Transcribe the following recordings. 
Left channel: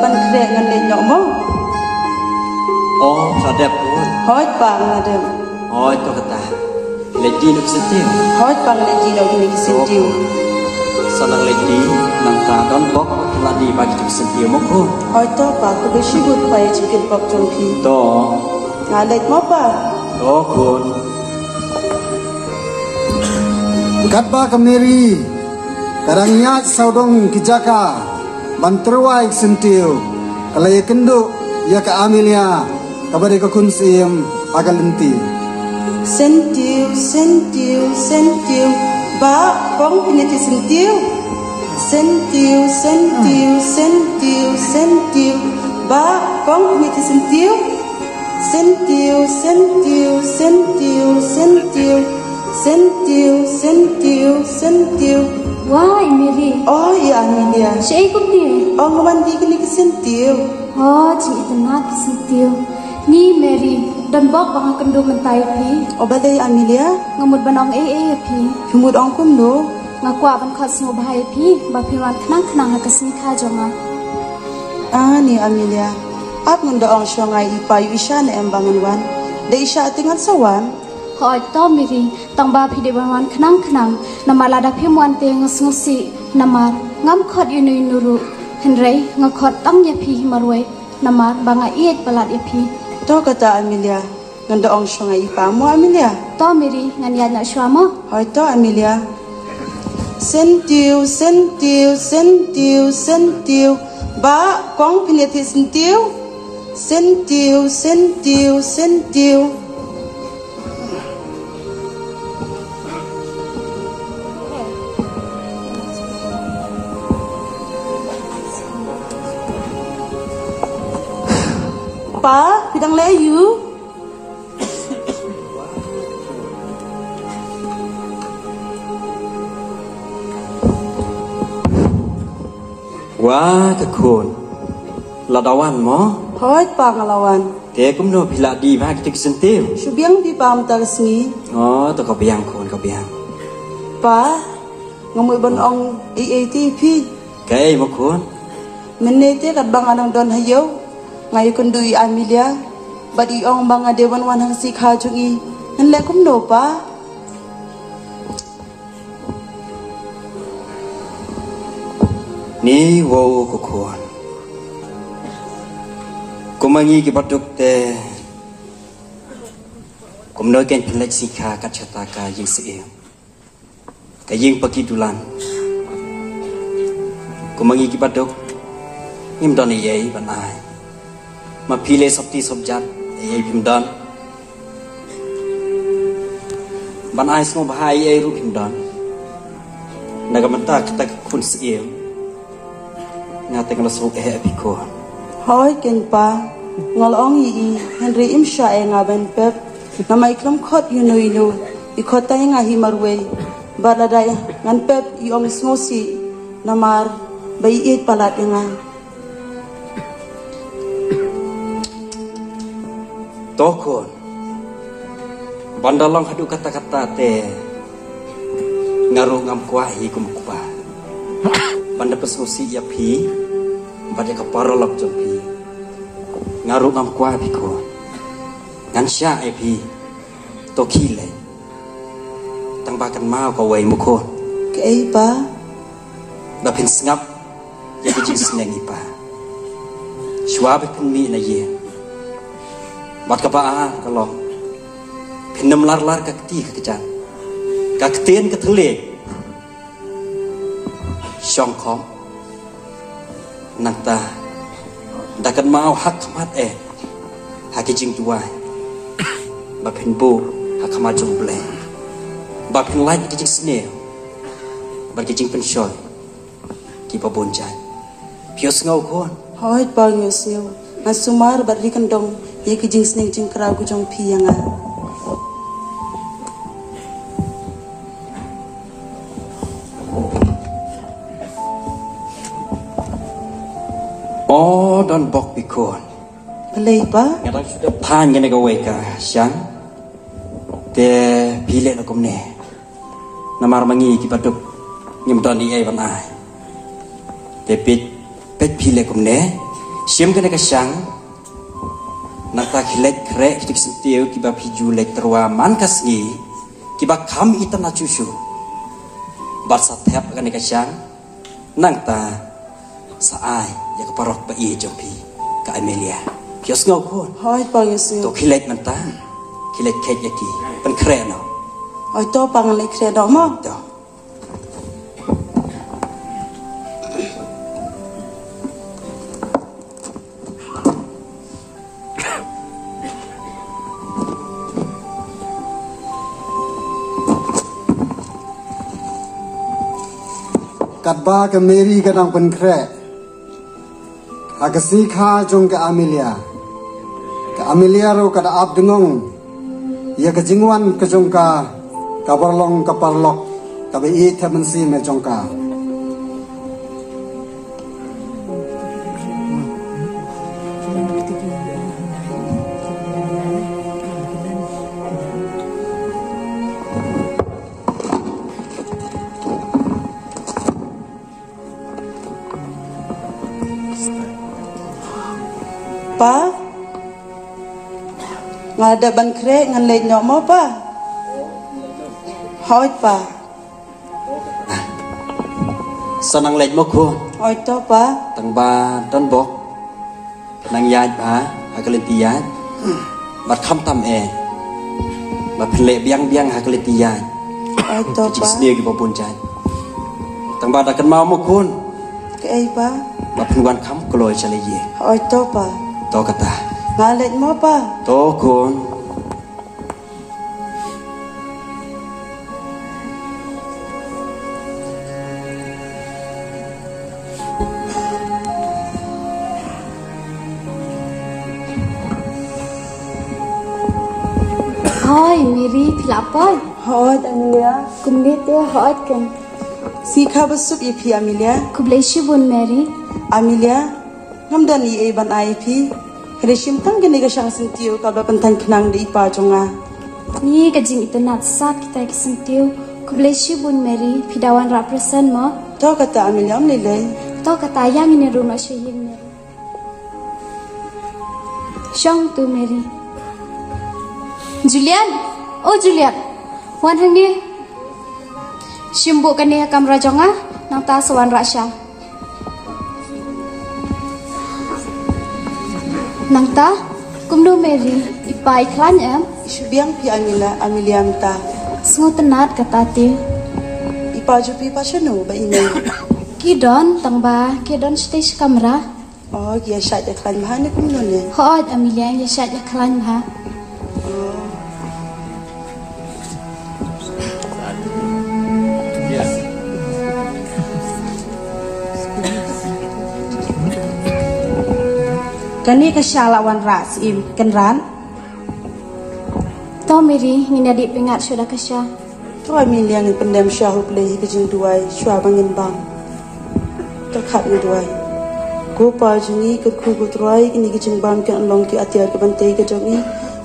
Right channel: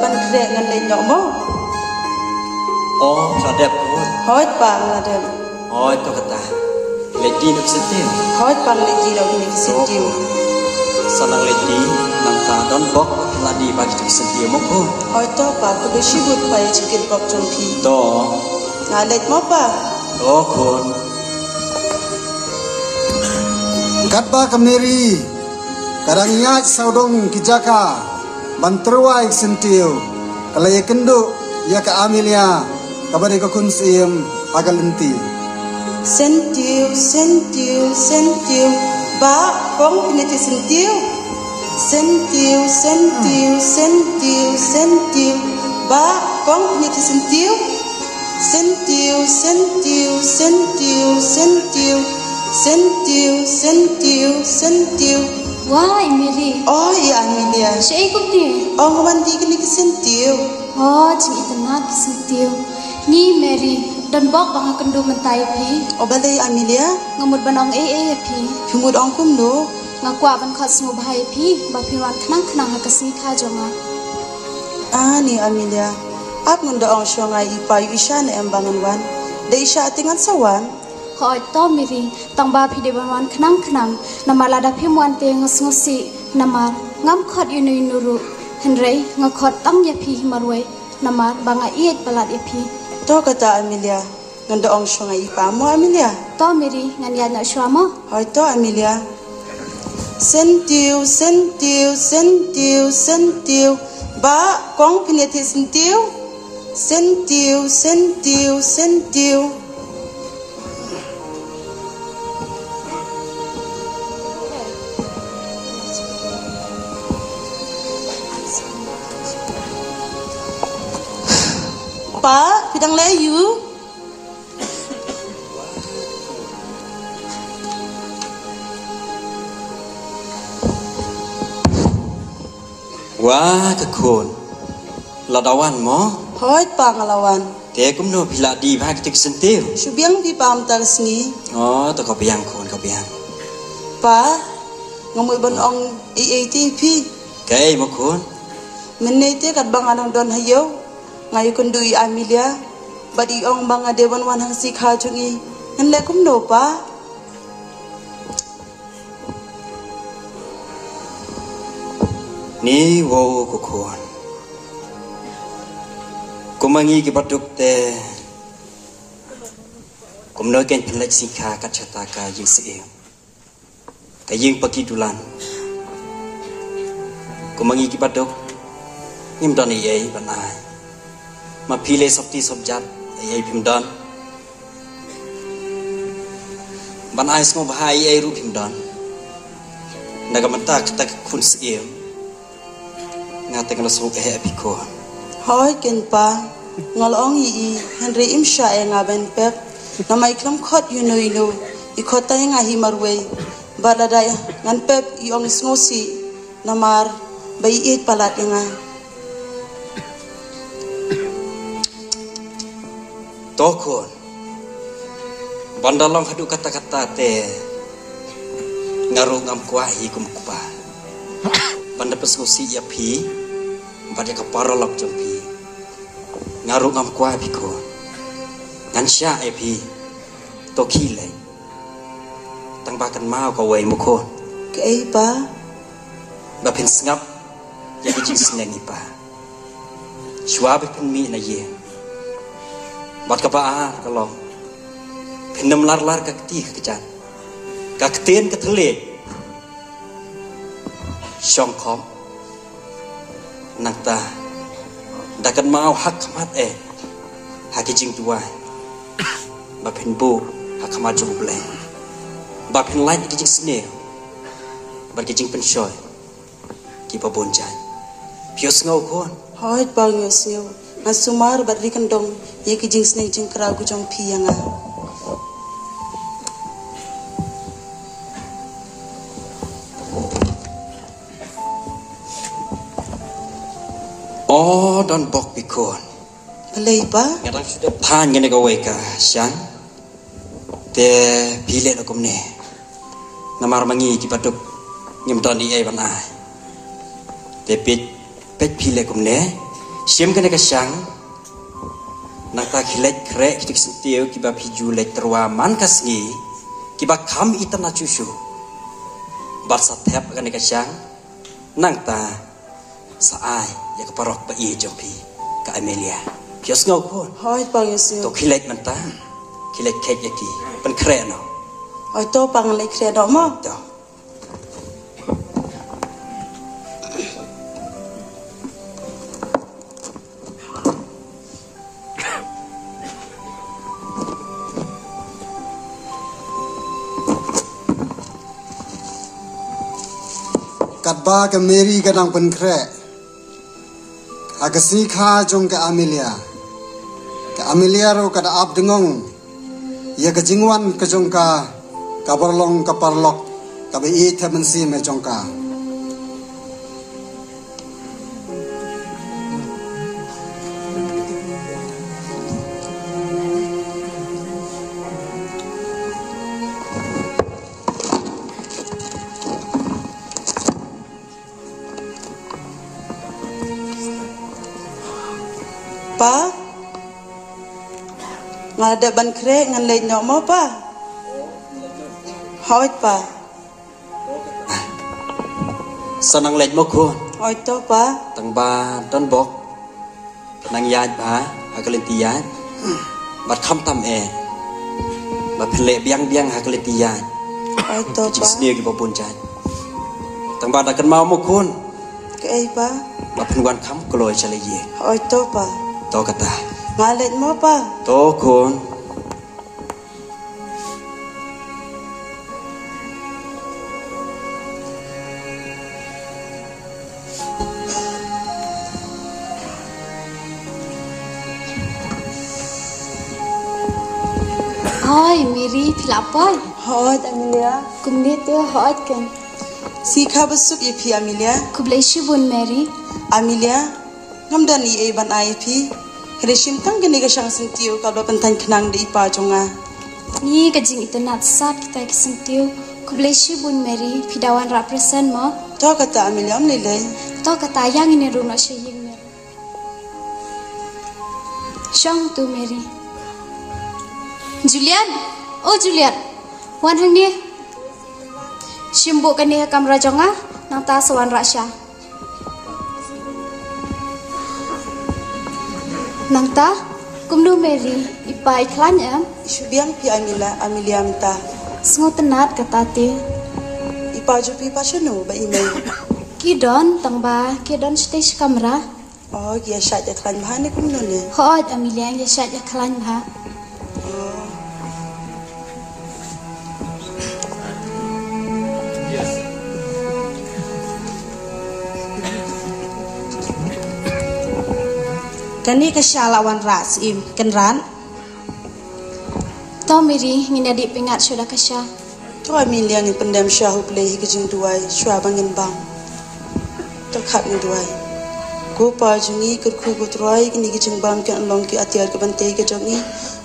ban kre ngan le nyok mo. Oh, sadap pun. Hoi pa ngadem. Oh, itu kata. Lady nak sentil. Hoi pa lagi lo ni sentiu. Sanang lady nang ta don bok ladi bagi tu sentil mo ko. Hoi to pa ko be shibut pa ye chicken pop chong pi. To. Ngalek mo pa. Oh, kun. Katba kamneri. Karangnya saudong kijaka. Banterwai sentil. Kalau ya kendo ya ke Amelia. Kabari ko kunsim agalenti. Sentiu, sentiu, sentiu. Ba kong piniti sentiu. Sentiu, sentiu, sentiu, sentiu. Ba kong piniti sentiu. Sentiu, sentiu, sentiu, sentiu. Sentiu, sentiu, sentiu. Wah, Emily. Oh, iya Amelia. Saya ikut dia. Oh, mandi kini sentiu. Oh, cuma tenat sentiu. Ni Mary dan bok bang kendo mentai pi. Oh, balai Amelia. Ngamut banong pi. Humud ong kum no. Ngakwa ban khot semua bahaya pi. Bapiwan kenang hakasni ka joma. Ah, ni Amelia. Ak munda ong syongai ipa yu isya na embangan wan. Da isya atingan sawan. Hoi to Mary. Tang ba pi de banwan kenang. Namar lada pi muan te ngasmusi. Namar ngam khot yu nuru. Henry ngakot tang ya pi marwe. Namar banga iet balat ya pi. To kata Amelia. Nganda ong syongai ipa mo Amelia. To Mary ngan ya nak syuamo. Hoi to Amelia. Sentiu, sentiu, sentiu, sentiu. Ba kong piniti sentiu. Sentiu, sentiu, sentiu. Pa, bidang layu. Wah, kekun. Ladawan mo. Hoi pa ngalawan. Dia kum no bila di bagi tu sentil. Subiang di pam tagsni. Oh, tu kau biang kun kau biang. Pa, ngamui ban ong EATP. Kay mo kun. Menete kat bang anong don hayo. Ngayon kundui Amelia. Badi ong bang adewan wan hang si kajungi. Nanle kum no pa. Ni wo ko kun. Kumangi ki batuk te. Kumno ken pelek sikha kat chataka ying seo. Kaying pagi dulan. Kumangi ki batuk. Imdan ye banai. Ma pile sabti sabjat ye bimdan. Banai semua bahai ye ru bimdan. Nagamata kita kun seo. Ngate kana sok piko. Hoi ken pa. Ngalong yi Henry imsha e ngaben pep. Namai klam khot yu no ilo. I khota nga hi marwe. Baladaya ngan pep i ong smosi. Namar bai it palat nga. Tokon. Bandalong hadu kata-kata te. Ngaru ngam kuahi kumkupa. Banda pesmusi ya pi. Banda kaparolop jompi. Ngaru ngam kuahi piko. Ngan sya e pi. Tokile. Tang bakan mau kau wai mukon. Kei pa. Bapin sengap. Ya kejing senengi pa. Shua bapin mi na ye. Bat kapaa kalau pinam lar kakti kejan kaktien ketele syongkong nangta dakan mau hak mat hakijing tuai bapin bu hak mat jumble bapin lain kijing sneo bakijing penshoy ki babonjan pios ngau kon Hoi pa ngosyo. Nasumar bari kandong ye kijing sneng jing kra ku jong pi yang a. Oh, don bok pikon. Balai pa? Yang sudah pan yang negara weka, siang. Te pilih lakum ne. Namar mangi kipaduk nyemton di ban ai. Te pit pilih lakum ne. Siam kena kesang nata kilek krek kitik sentiu kiba piju lek terwa man kasngi kiba kam itana cusu basa tep kena kesang nang ta saai ya keparok ba iye jompi ka Amelia kios ngau kon Hoi pangisio. to kilek nanta kilek kek yaki pen krek no Hoi to pangalek kredo mo. to Katba ke Mary kadang penkrek. Agasi kha jong ke Amelia. Ke Amelia ro kada ap dengong. Ya ke jingwan ke jong ka kabarlong kaparlok ka be i thamansi me jong ka. Pa? Ngada ban krek ngan lek nyok mo pa? Hoi pa. sanang lek mo kon Hoi to pa. tang ba ton bok nang yai ba hakaleti yai bat kham tam e ba phele biang biang hakaleti yai Hoi to jing pa. snia ki bopun jai tang ba dakan mau mo kun Ke ai pa? ba phunwan kham kloi chale ye Hoi to pa. to kata Nga lek mo pa? to kun Hoi Mary pilapoi. Hoi Amelia. Kumde tu hoi kan. Si kha besuk ipi Amelia. Kublai shibun Mary. Amelia. Ngam dan i e ban ai pi. Krishim tang gini ka sang sentiu ka ba pentan kenang di ipa jonga. Ni kajing itu nat sak kita kisintiu. Kublai shibun Mary pidawan represent mo. To kata Amelia om lele. To kata yang ini runa shaying. Shong tu Mary. Julian, oh Julian, wan hang ni. Shimbu kene kamera jonga nang ta sawan rasya. Nang ta kumdu Mary ipai klan em. Shubiang pi Amelia minta. Semua tenat kata ti. Ipa jupi pa chano ba ini. Kidon tangba kidon stage kamera. Oh, dia syat ya klan mahane kun ne. Hoat Amelia yang syat ya klan ha. Kani ke syalawan ras im kenran. To Mary ngina di pingat sudah kasya. To Amelia ni pendam syahu play ke jing duai syua bangin bang. To khat ni duai. Ko pa jungi kur khu ko troi ni ke jing bang ke anlong ke atiar ke bante ke jongi.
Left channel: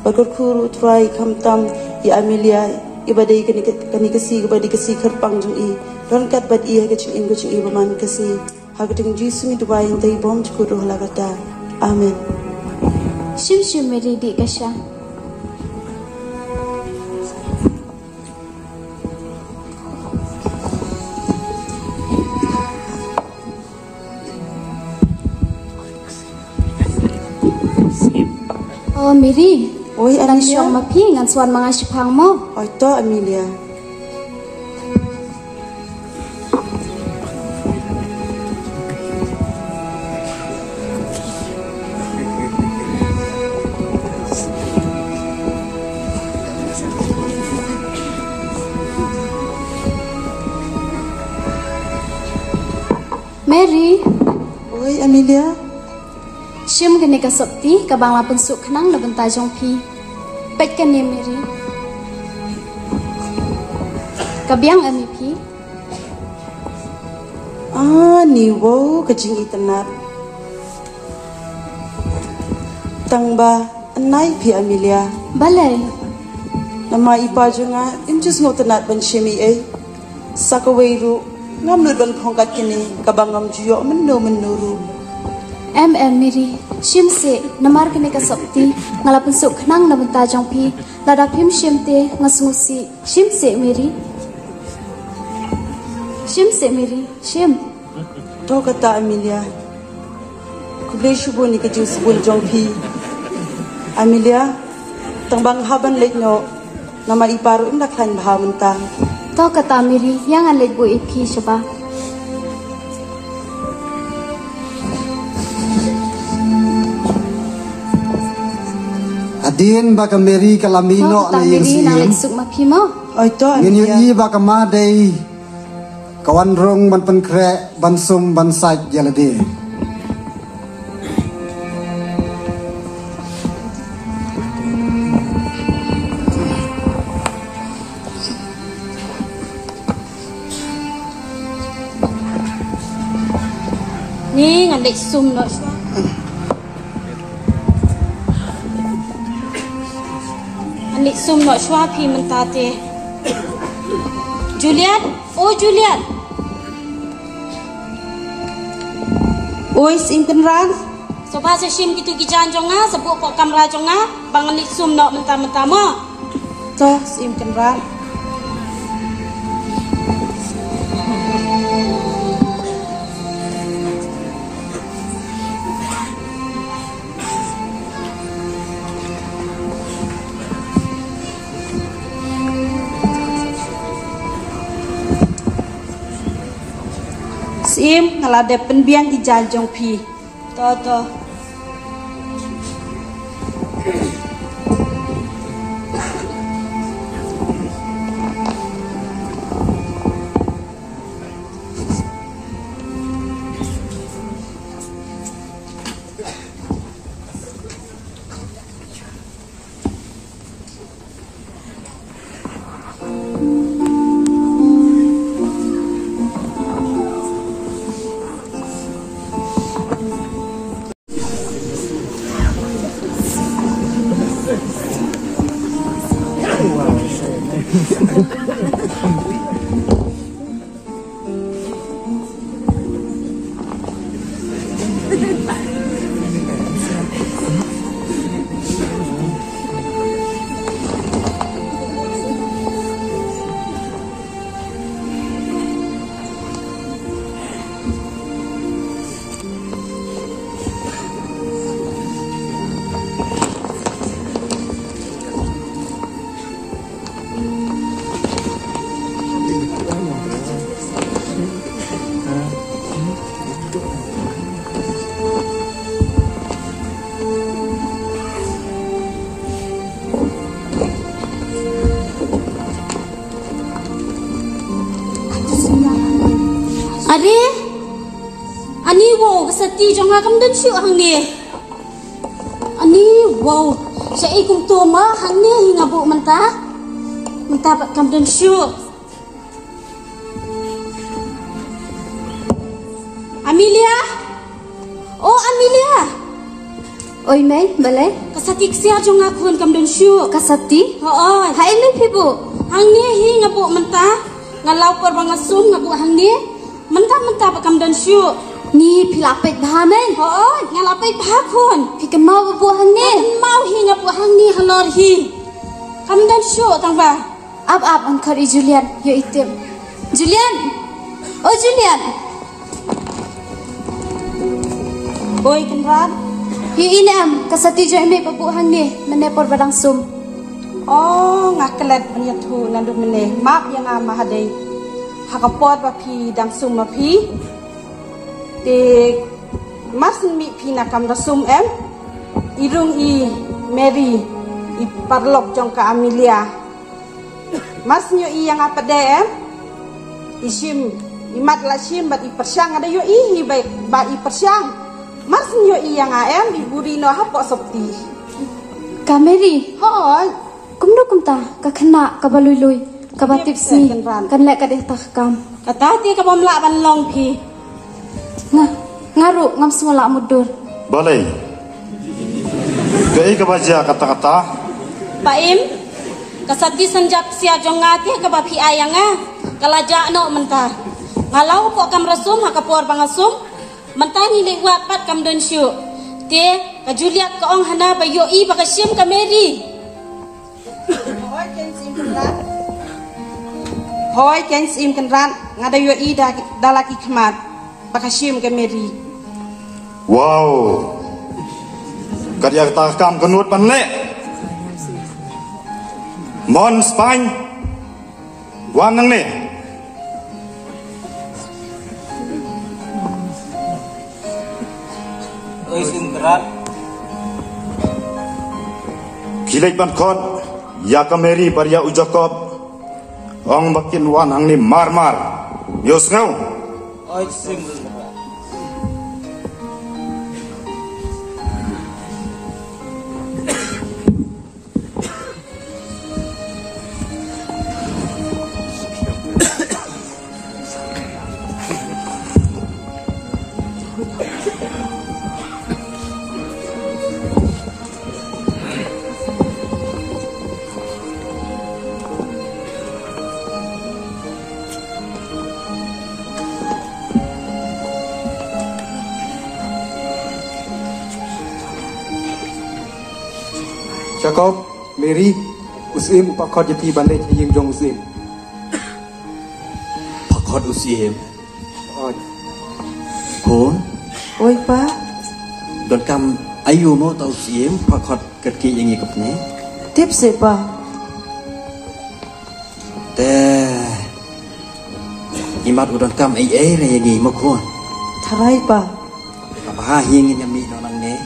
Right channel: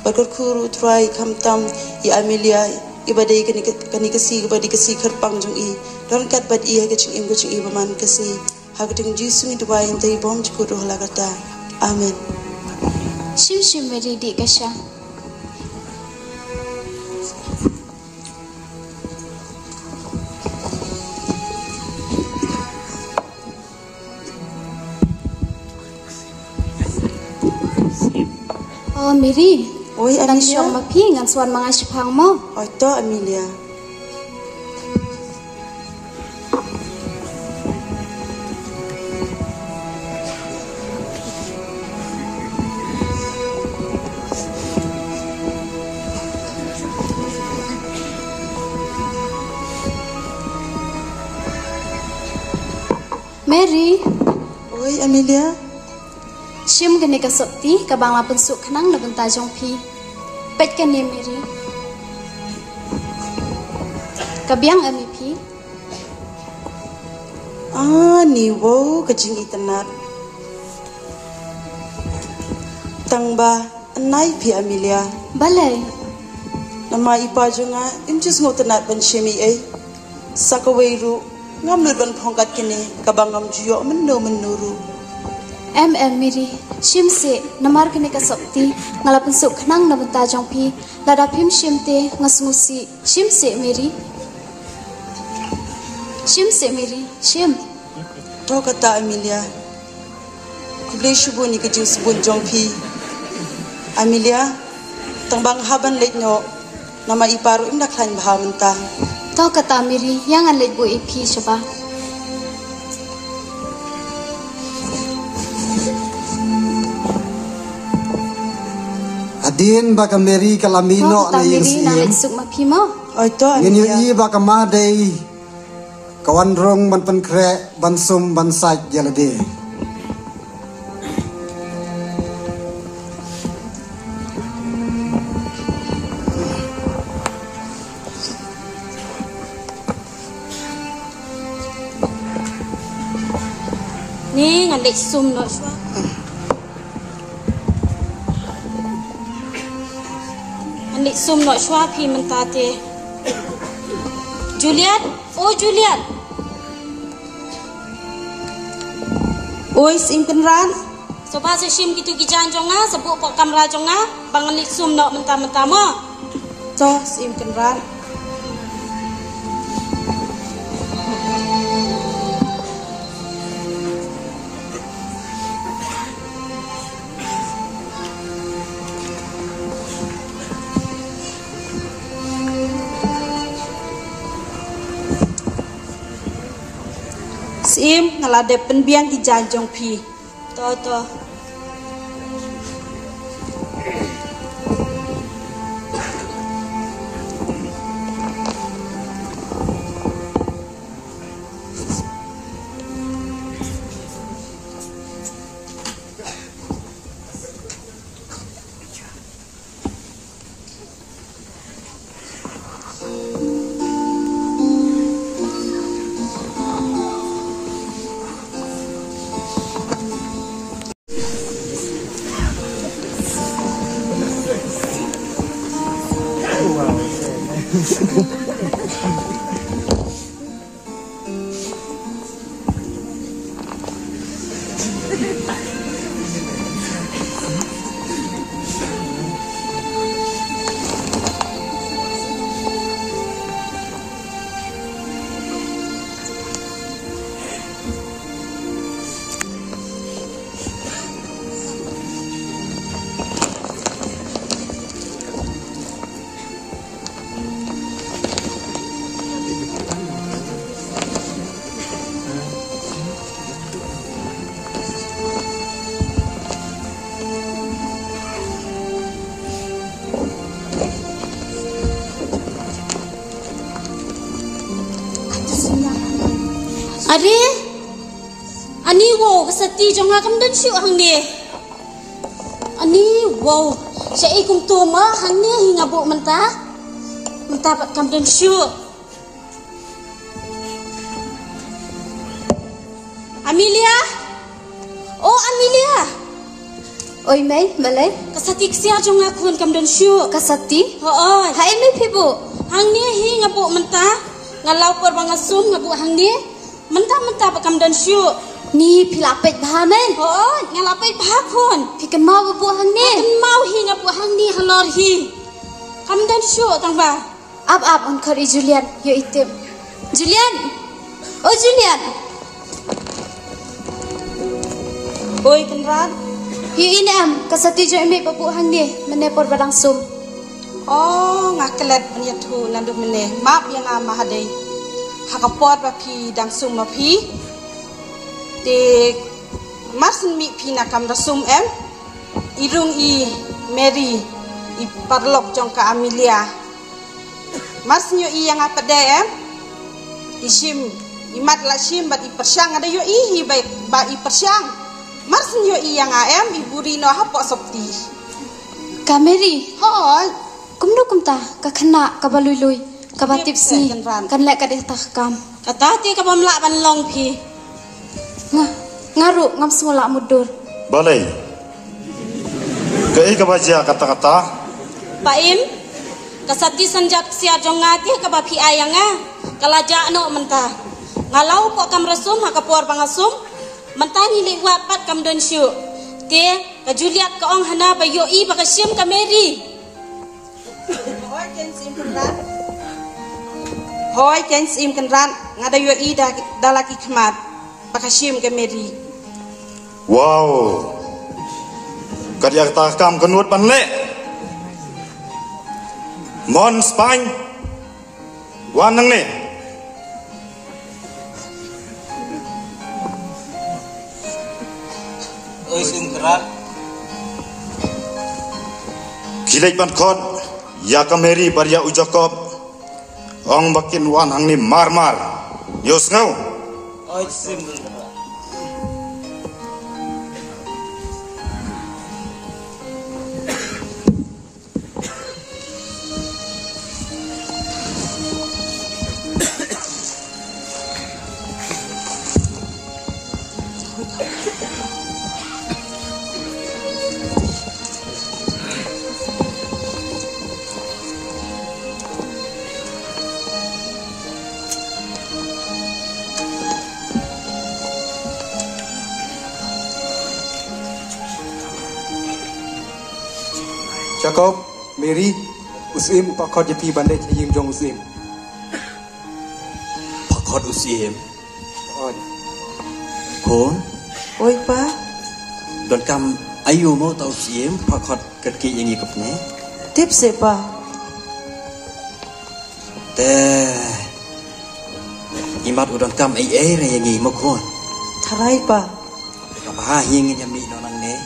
Bar kur khu ru troi kham tam ya Amelia ibadai kani ke si ibadi ke si kharpang jungi. Don kat bad iya ke jing im ke jing ibaman ke si. Hagding jisu ni duai ntai bom ku roh lagata. Amin. Shim shim Mary di kasya. Oh Mary, Oi tang Amelia. syong mapi ngan swan mangasipang mo. Oi to Amelia. Mary, Oi Amelia. shim kene ka sakti ka bangla pensuk khnang na banta jong pi. Pet kene Mary. Kabiang ami pi. Ah, ni wow kejing itenat. Tangba anai pi Amelia. Balai. Nama ipa junga imjus ngotenat ban shemi e. Sakawairu ngam lut ban khongkat kini kabangam juyo menuru. Miri shimse namar kene kasopti ngalapun suk khnang namta jongpi lada phim shimte ngasmusi shimse Miri shim to kata Amelia kublai shubu ni kejing sebun jongpi Amelia tangbang haban lekno nama iparu inda klain bahawanta to kata Miri yang an lek bu ipi shoba Adin baka Mary kalamino na laying lek suk mapimo oi to Nginyo Amelia i baka madai kawan rong ban pankre ban sum ban saj jalade. ni ngan lek sum lo Anik sum no shwa phi mentate Julian Julian oi sim kenran soba se shim kitu ki jan jonga sebu pok kamera jonga bang anik sum no menta mo to sim kenran Sim ngalade penbiang di janjong pi. to Ani wow sati jonga kam dan syu hang ni. Ani wow syai kum tu ma hang ni hinga bu menta. Menta pat kam dan syu. Amelia. Oh Amelia. Oi mai malai. Kasati sia jonga kun kam dan syu. Kasati? Oi. Ha em ni pibu. Hang ni hinga bu menta. Ngalau por bangasum ngabu hang ni. Menta pat kam dan syu. Ni pilapet bahamen. Oh, ngalapet bahakun. Pikan mau buah ni. Mau hingga buah ni halor hi. Kamu dan show tangba. Ab angkar Julian. Yo item. Julian. Oh Julian. oi kenran Yo inam kasati jo embe buah ni menepor badang sum. oh ngaklet menyatu nandu mene map yang amahade hakapot ba pi dang sum ma pi de masin mi pina kam rasum irung i Mary i parlok jong ka Amelia masnyo i yang apa de isim imat la sim bat i persyang ada yo i ba i persyang masnyo i yang i buri no ha po sopti Kameri. hoi Kumdo kumta ka khana ka balui ka batipsi kan lek ka de takam. kata ti ka pamla ban long pi Ngaru ngam semula mudur. Balai. Kei ka baca kata-kata. Pak Im, kasati sanjak sia jongati ka bapi ayanga kalaja no menta. Ngalau ko kam rasum ha kapor bangasum Mentani le wapat kam dan syu. Te ka Juliet ka ong hana ba yo I ba ka sim ka Mary. Hoi ken sim kan ran ngada yo I da laki khmat ba ka sim ka Mary. Wow. Karya takam kenut panle. Mon Spain. Wanang ne. Oi sim kerat. Kilek ban khot ya ka Mary paria ujakob. Ong bakin wanang ni marmar. Yos ngau. Oi sim kerat. Jacob, Mary, usim pak khot di bandai thayim jong usim. Pak khot usim. Oi. Kon. Oi pa. Don kam ayu mo tau usim pak khot ket ki yang ikut ni. Tip se pa. Te imat udon kam ai re yang mo kon. Tharai pa. Apa hing yang mi nang ne.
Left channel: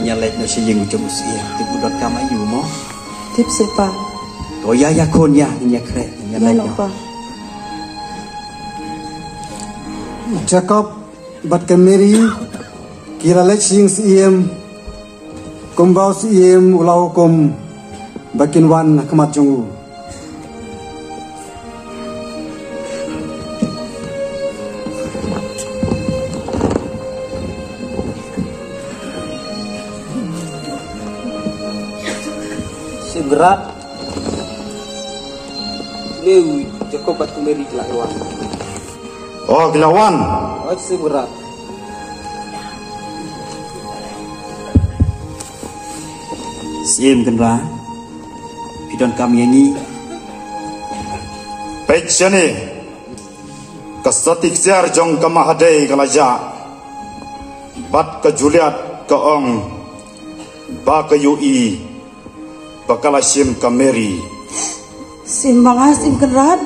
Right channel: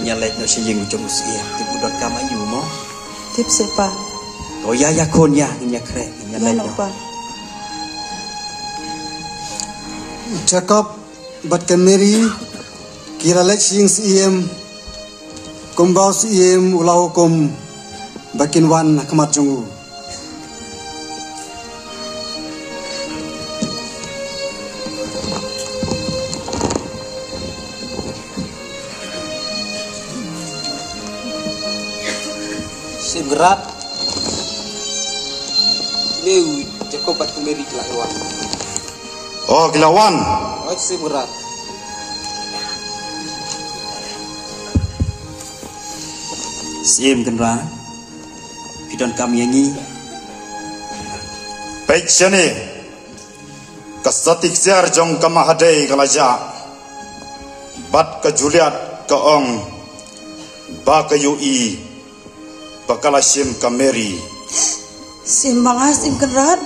Nya let no si yang jom usim tu udon kam ayu mo. Tip se pa. Ko ya kon ya nya kre nya let no. Jacob bat ke Mary kira lek sing iem kumbau iem ulau kum bakin wan kemaju. Sim gerak. Lewi Jacob bat ke Mary lawan. Oh kilawan. Oi sim gerak. Sim kenra. Pidon kami yang ni. Baik sini. Kasatik siar jong kamahadai kalaja. Bat ke Juliet ke ong. Ba ke UI. Bakala sim ke Mary. Sim manga sim kan ran.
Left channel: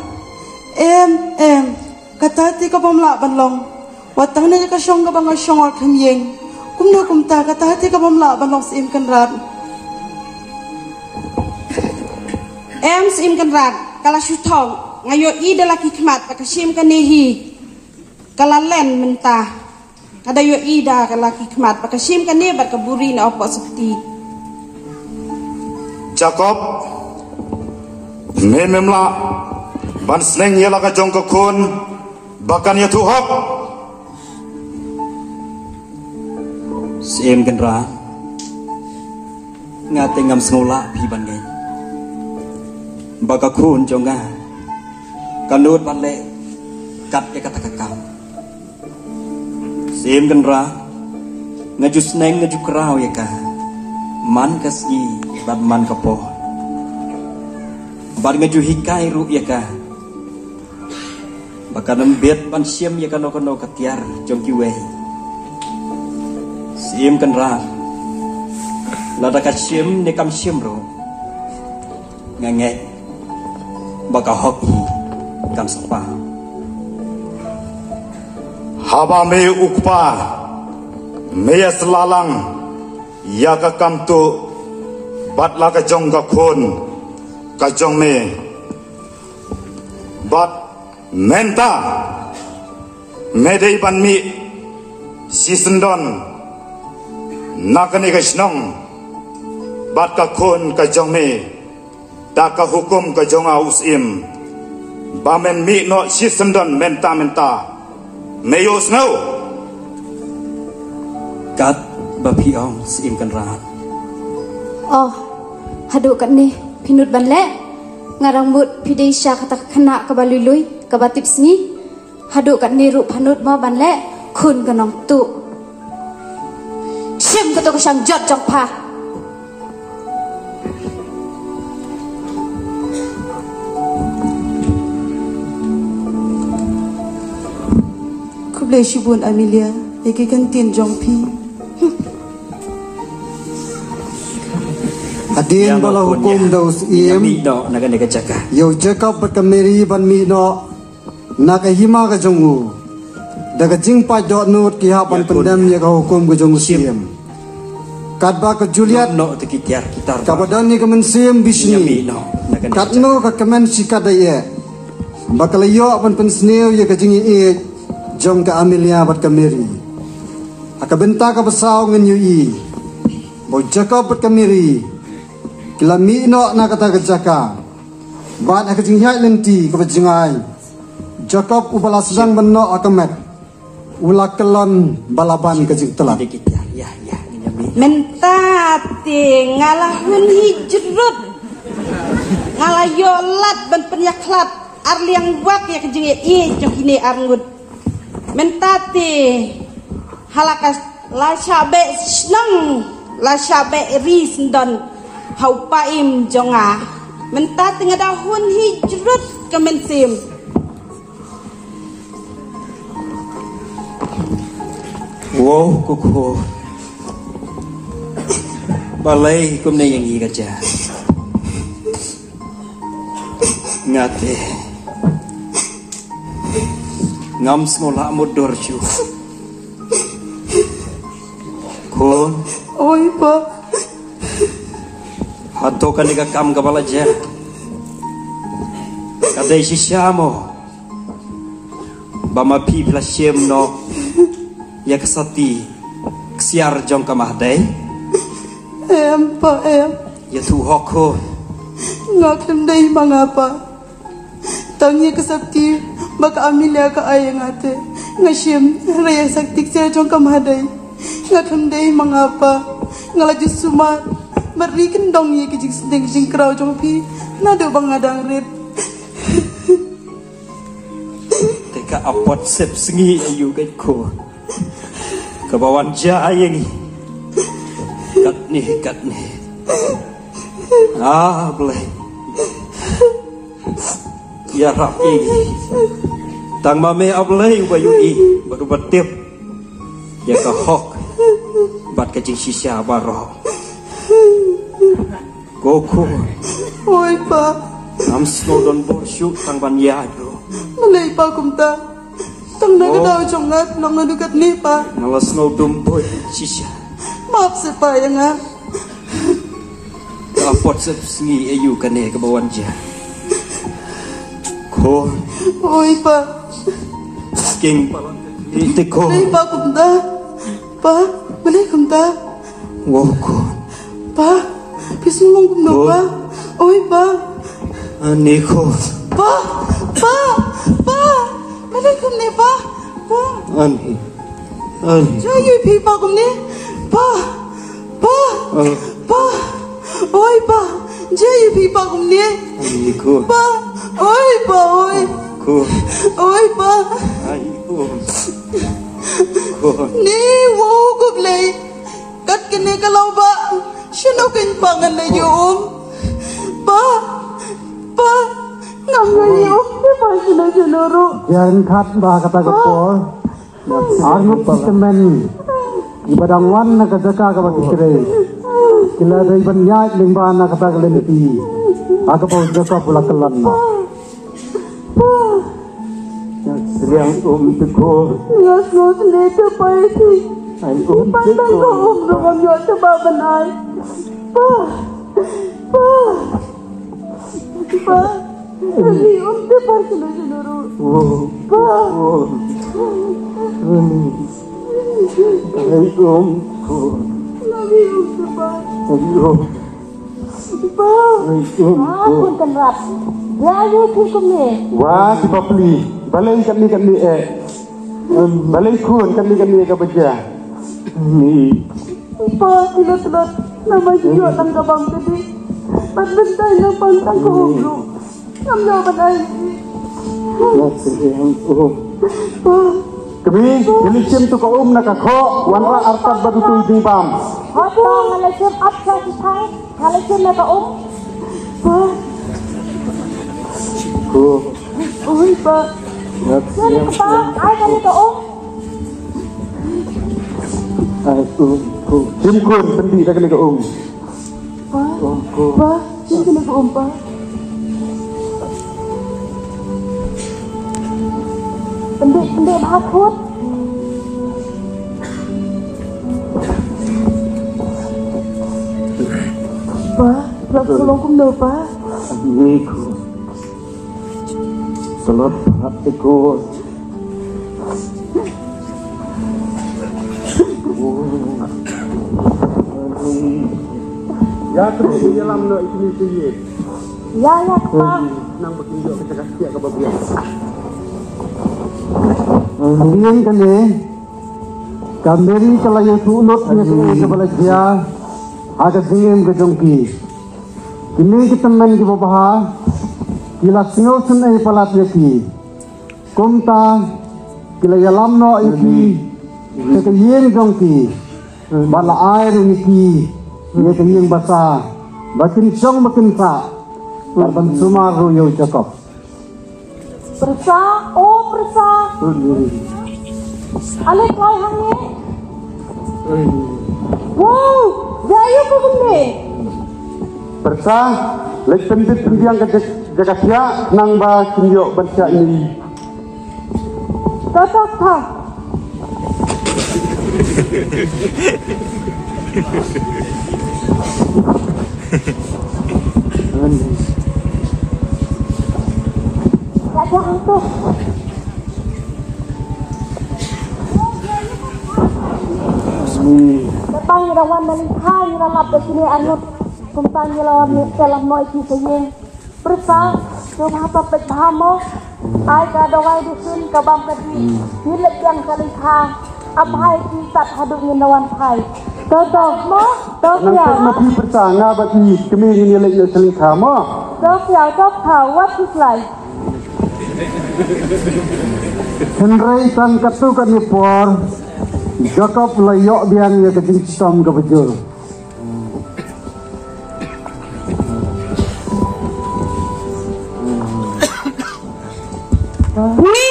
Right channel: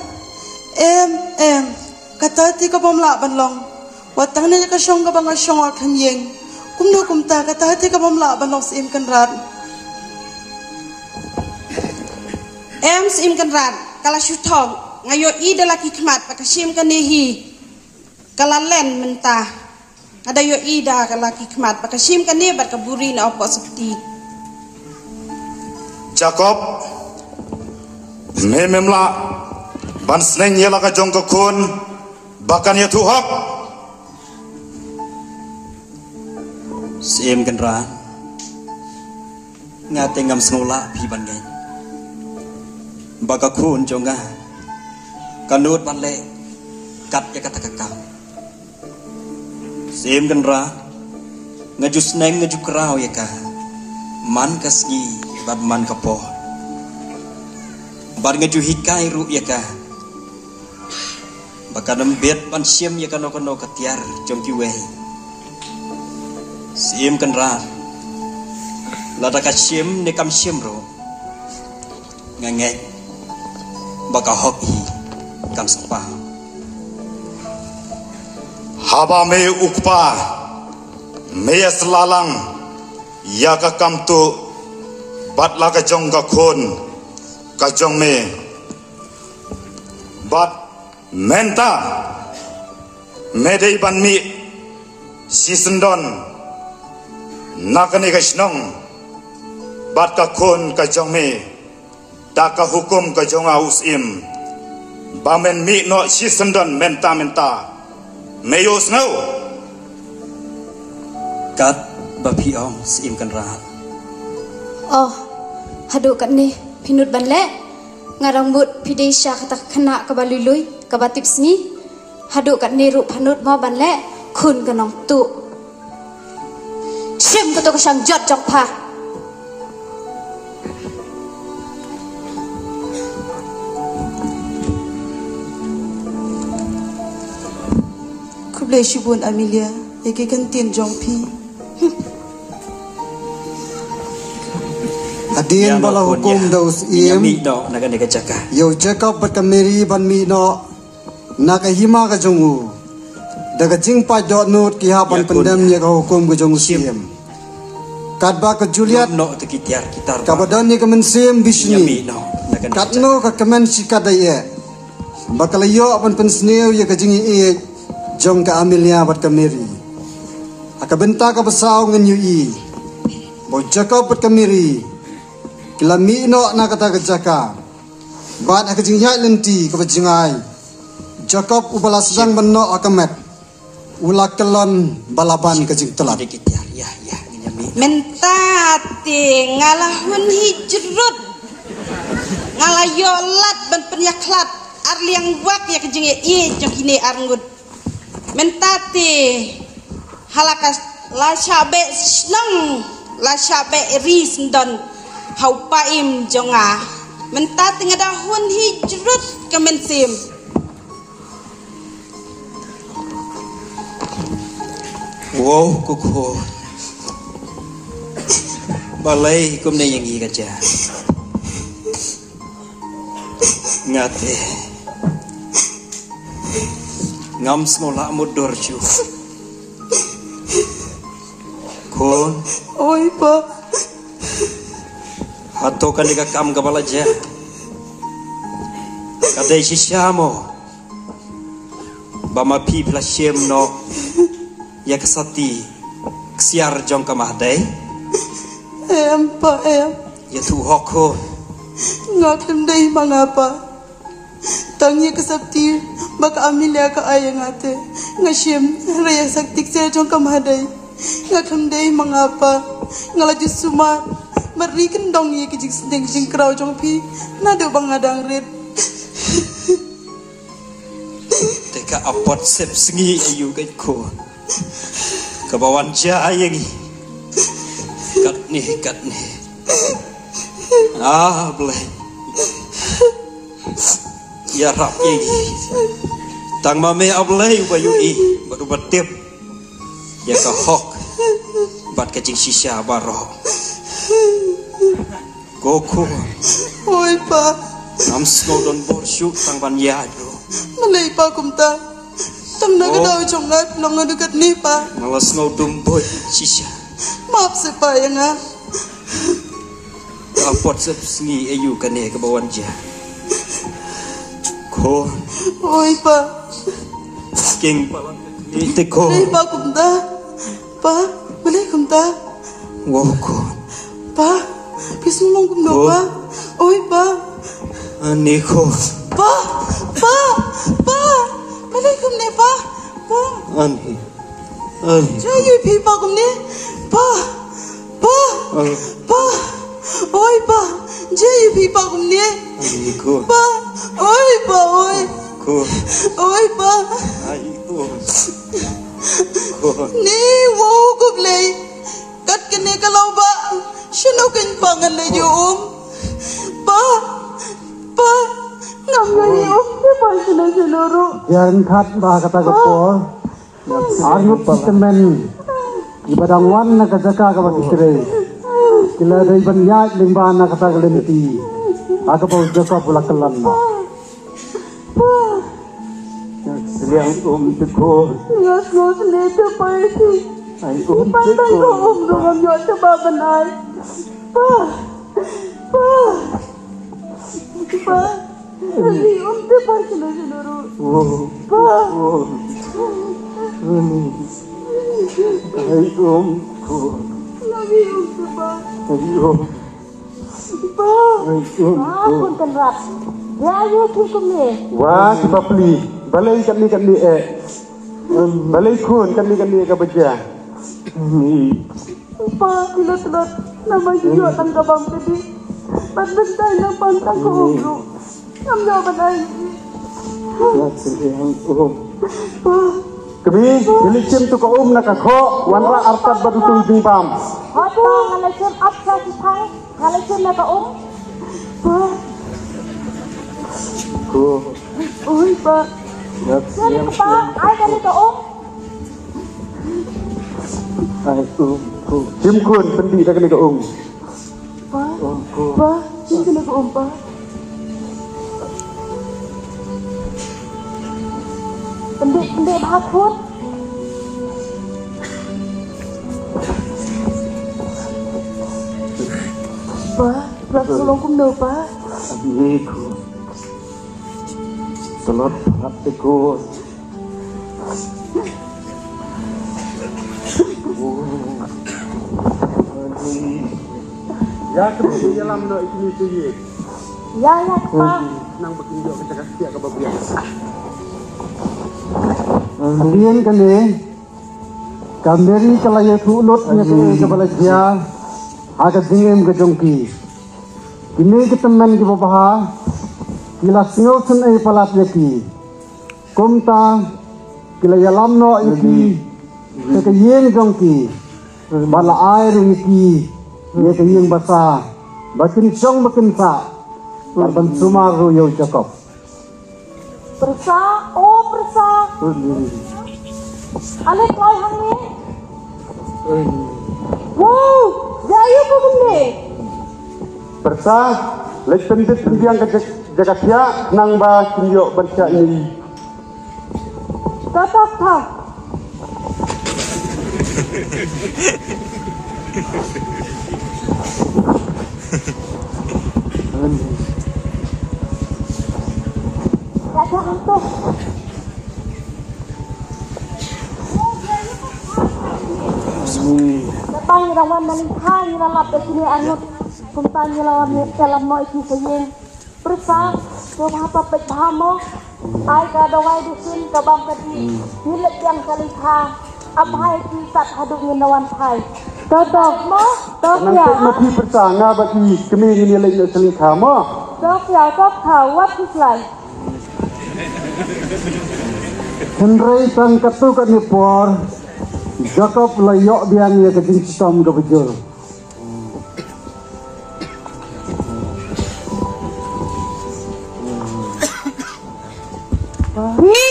Em. Kata hati ka pamla banlong. Watang na ka syong ka bang syong al kamyeng. Kumna kumta kata hati ka pamla banlong sim kan ran. Em sim kan ran. Kala syutong ngayo I dalaki khmat pa sim kan nehi. Kala len mentah. Ada yo I da kalaki khmat pa sim kan ne bat ka buri na opo seperti. Jacob. Mememla. Ban sneng yela ka jong ke kun. Bahkan ya tuhap. Sim kenra. Ngate ngam sekolah pi bangen. Baka kun jonga. Kanut bale kat ya kata kakau. Sim kenra. Ngaju sneng ngaju kerau ya ka. Man kasgi bab man kapo. Bar ngaju hikai ru ya ka. Baka nembet pan siam ya kano ketiar jom kiwe. Sim kenra. Lada ka siam ne kam siam ro. Ngange. Baka hoki kam sepa. Haba me ukpa. Me selalang. Ya ka kam tu. Bat la ka jong ka kun. Ka jong me. Bat Menta Medei ban mi Sisendon Nakane ka snong Bat ka kon ka jong me Ta ka hukum ka jong usim Bamen mi no Sisendon menta Meyos ngau Kat babi ong sim kan ra. Oh, hadu kat ni pinut ban le. Ngarang mut pidei sya kata kena ke balului ke batip sini. Hadu kat ni rup hanut ma ban le. คุณกับน้องตุชิมก็ต้องช่างยอดจงพาคุบเลยชิบุนอามิเลียเอกกันตีนจงพีAdin bala hukum daus iem Mido naga nega jaga Yo Jacob bat kameri ban mido Naga hima ka jongu Daga jingpa dot not ki hapan pendam ya ka hukum ka jongu siem Kadba ka Juliet No te kitiar kitar Kabadan ni ka mensim bisni Katno ka kamen sikadaye Bakalayo ban pensneo ya ka jingi e Jong ka Amelia bat kameri Akabenta ka basaw ngan yu i Bo Jacob bat kameri Kila mi'no na kata kejaka Bat haka jinghai lenti kapa jingai Jacob ubala sedang benno akamet Ula kelan balaban kejing telat Mentati ngalahun hijrut Ngalayolat ban penyaklat Arliang wak ya kejing i jokine arngut Mentati halakas la syabe senang La syabe risndon Hau paim jonga Mentati ngadahun hijrut ke mensim Wow kuku Balai kum na yang iga ja Ngate Ngam semola mudor cu Kun Oi pa Hato kan ika kam kabala jer Kadai sishamo Bama pi plashem no Ya kesati Ksiar jong kamahdai Pa Ya tu hoko Ngak lemdai mangapa Tangnya kesakti Baka Amelia ka ayang ate Ngasyim raya sakti ksiar jong kamahdai Ngak lemdai mangapa Ngalaju sumat Berikan dong ya kejing sedeng kejing kerau jong pi Nado bang nadang rit Teka apot sep sengi ayu kan ko Kebawan jaya ni Kat ni Boleh Ya rap ini Tang mame ablay bayu i Baru batip Ya kahok Bat kejing sisya barok Goku Oi pa Nam snodon borsuk tang ban ya bro Malay pa kumta Tang nagadaw jongat Long nadugat ni pa Ngalas ngodum boy sisya Maaf si pa ya nga Kapot sep sengi ayu kane kebawan ja Ko Oi pa King palam Ite ko Malay pa kumta Pa Malay kumta Ngoko Pa Pismulong kumta pa Oi pa Aniko Pa Malay kumni pa Pa Ani Jaya pi pa kumni Pa Oi pa Jaya pi pa kumni Aniko Pa Oi pa Ko Oi pa Aniko Ni wo gublay Kat kini kalau ba Sinukin pangan na yung Pa Nangayo Diba sinuro Jangan khat bah kata kepo Ayub kemen Ibadang wan na kajaka ka makikire Kila dari banyat limban na kata kalimiti Aga pa Jacob pula kelam na Seliang teko Ngas nito pa isi Ay Pandang ko Dengan yun sa babanay Pa Naliyon Diba sinuro Pa Ay Naliyon diba Pa Punten rap. Ya yo hukum ni. Wah, si Papli. Balai kami balai kun kami ka baca. Ni. Pa tinatrat na may siyutan ka bang tadi Pagbantay na pantang ko Namdaman ay Nak sering Pa Kami ilicim tu ka nak kho wanra arkat batu tu jing pam. Hoto ngalicim apsa sipai ngalicim nak pa. Ko. Oi pa. Nak siap. Ai kali ka Ai ko. Jim ko pendi tak kali ka Pa, sino na ko pa? Pendek bakut. Pa, lap sulong kum do pa. Ye ko. Selot hati ko. Ya tu dalam no itu ye. Ya pa. Nang bertunjuk kita kasih ke bagian. Dian kali kamberi kalaya tulot nya ke kepala dia aga dingem ke jongki kini kita main ke bawah kila singosen ai palat yaki komta kila yalam no iki ke yen jongki bala air iki ye ke yen basa bakin song bakin sa ban sumaru yo cakap Persa, oh persa. Alay kay hangi. Wow, jayo ko bende. Persa, lek pendit pendiang ke jagatnya nang ba kinyo baca ini. Tetap ta. Hantu. Datang rawan dari kai nalap ke sini anut kumpanya lawan dalam noi kisahnya. Persa, coba apa pek bahamo. Ai ka dawai dusun ka bang tadi. Hilek yang kali ha. Abhai kisat haduk nginawan hai. Tetap mo, tok ya. Nanti persa ngabati kami ini lek selingkah mo. Tok ya, tok tahu what is life. Henry tan katukan ni por Jacob layok biang ya kecing sistem ke bejul Ni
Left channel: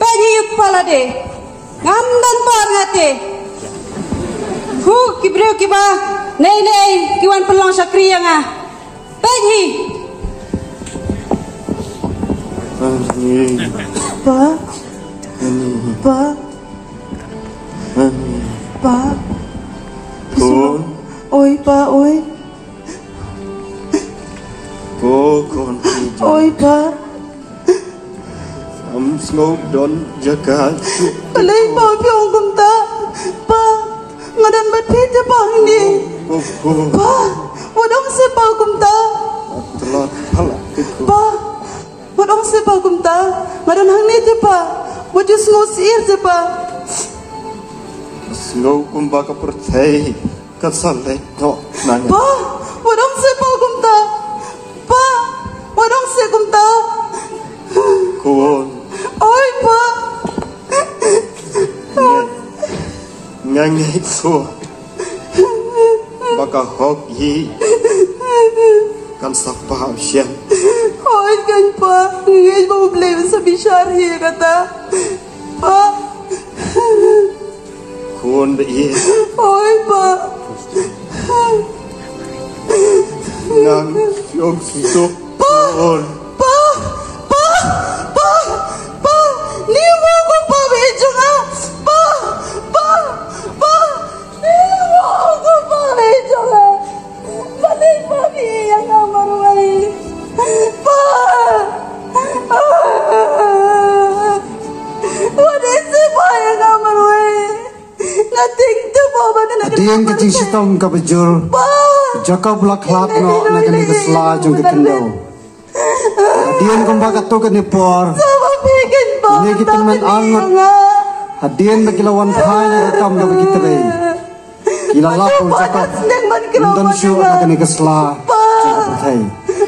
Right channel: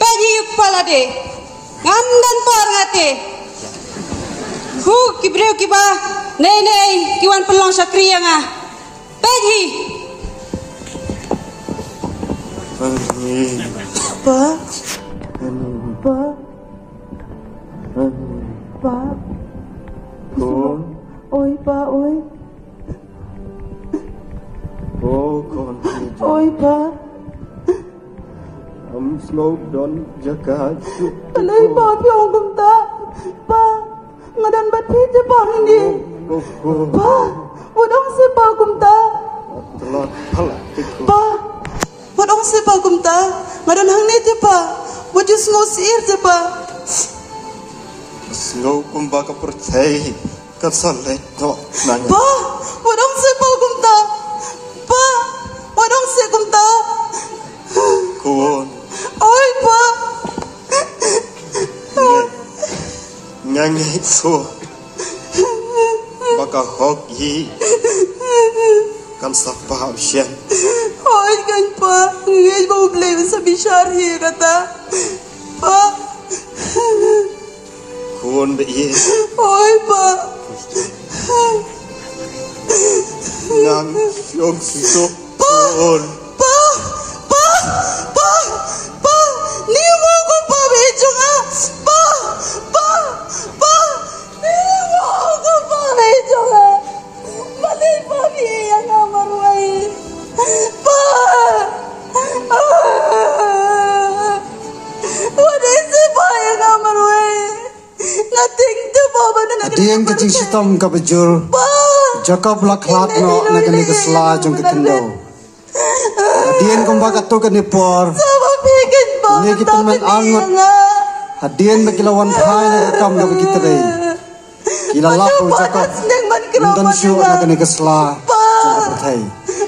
penyi kepala de ngamdan par ngate hu kibriu kiba nei kiwan pelong sakri yang ah penyi Pa, oi pa, oi. Oi pa. Ngok don jaga. Palay pa piong kumta. Pa, ngadan bat pita pa hindi. Pa, wadang se pa kumta. Pa, wadang se pa kumta. Ngadan hang nito pa. Wajus ngosir se pa. Slow umbaga percaya kasalek no nanya. Pa, wadang se pa kumta. Pa, wadang se kumta. Kun. Oi pa. Ngangi so. Baka hok yi. Kan sapa sian. Oi kan pa, ngay mo blame sa bisyari kata. Pa. Kun be yi. Oi pa. Nang yung so. Kun. Dian kecing sistem ke bejul Jacob laklat no nakani kesela jung ke kendo Dian kembang katukan ni por Ini kita men angut Hadian bagilawan phai na kam ga kita dei Kila lakul Jacob Nonton syuk nakani kesela jung ke thai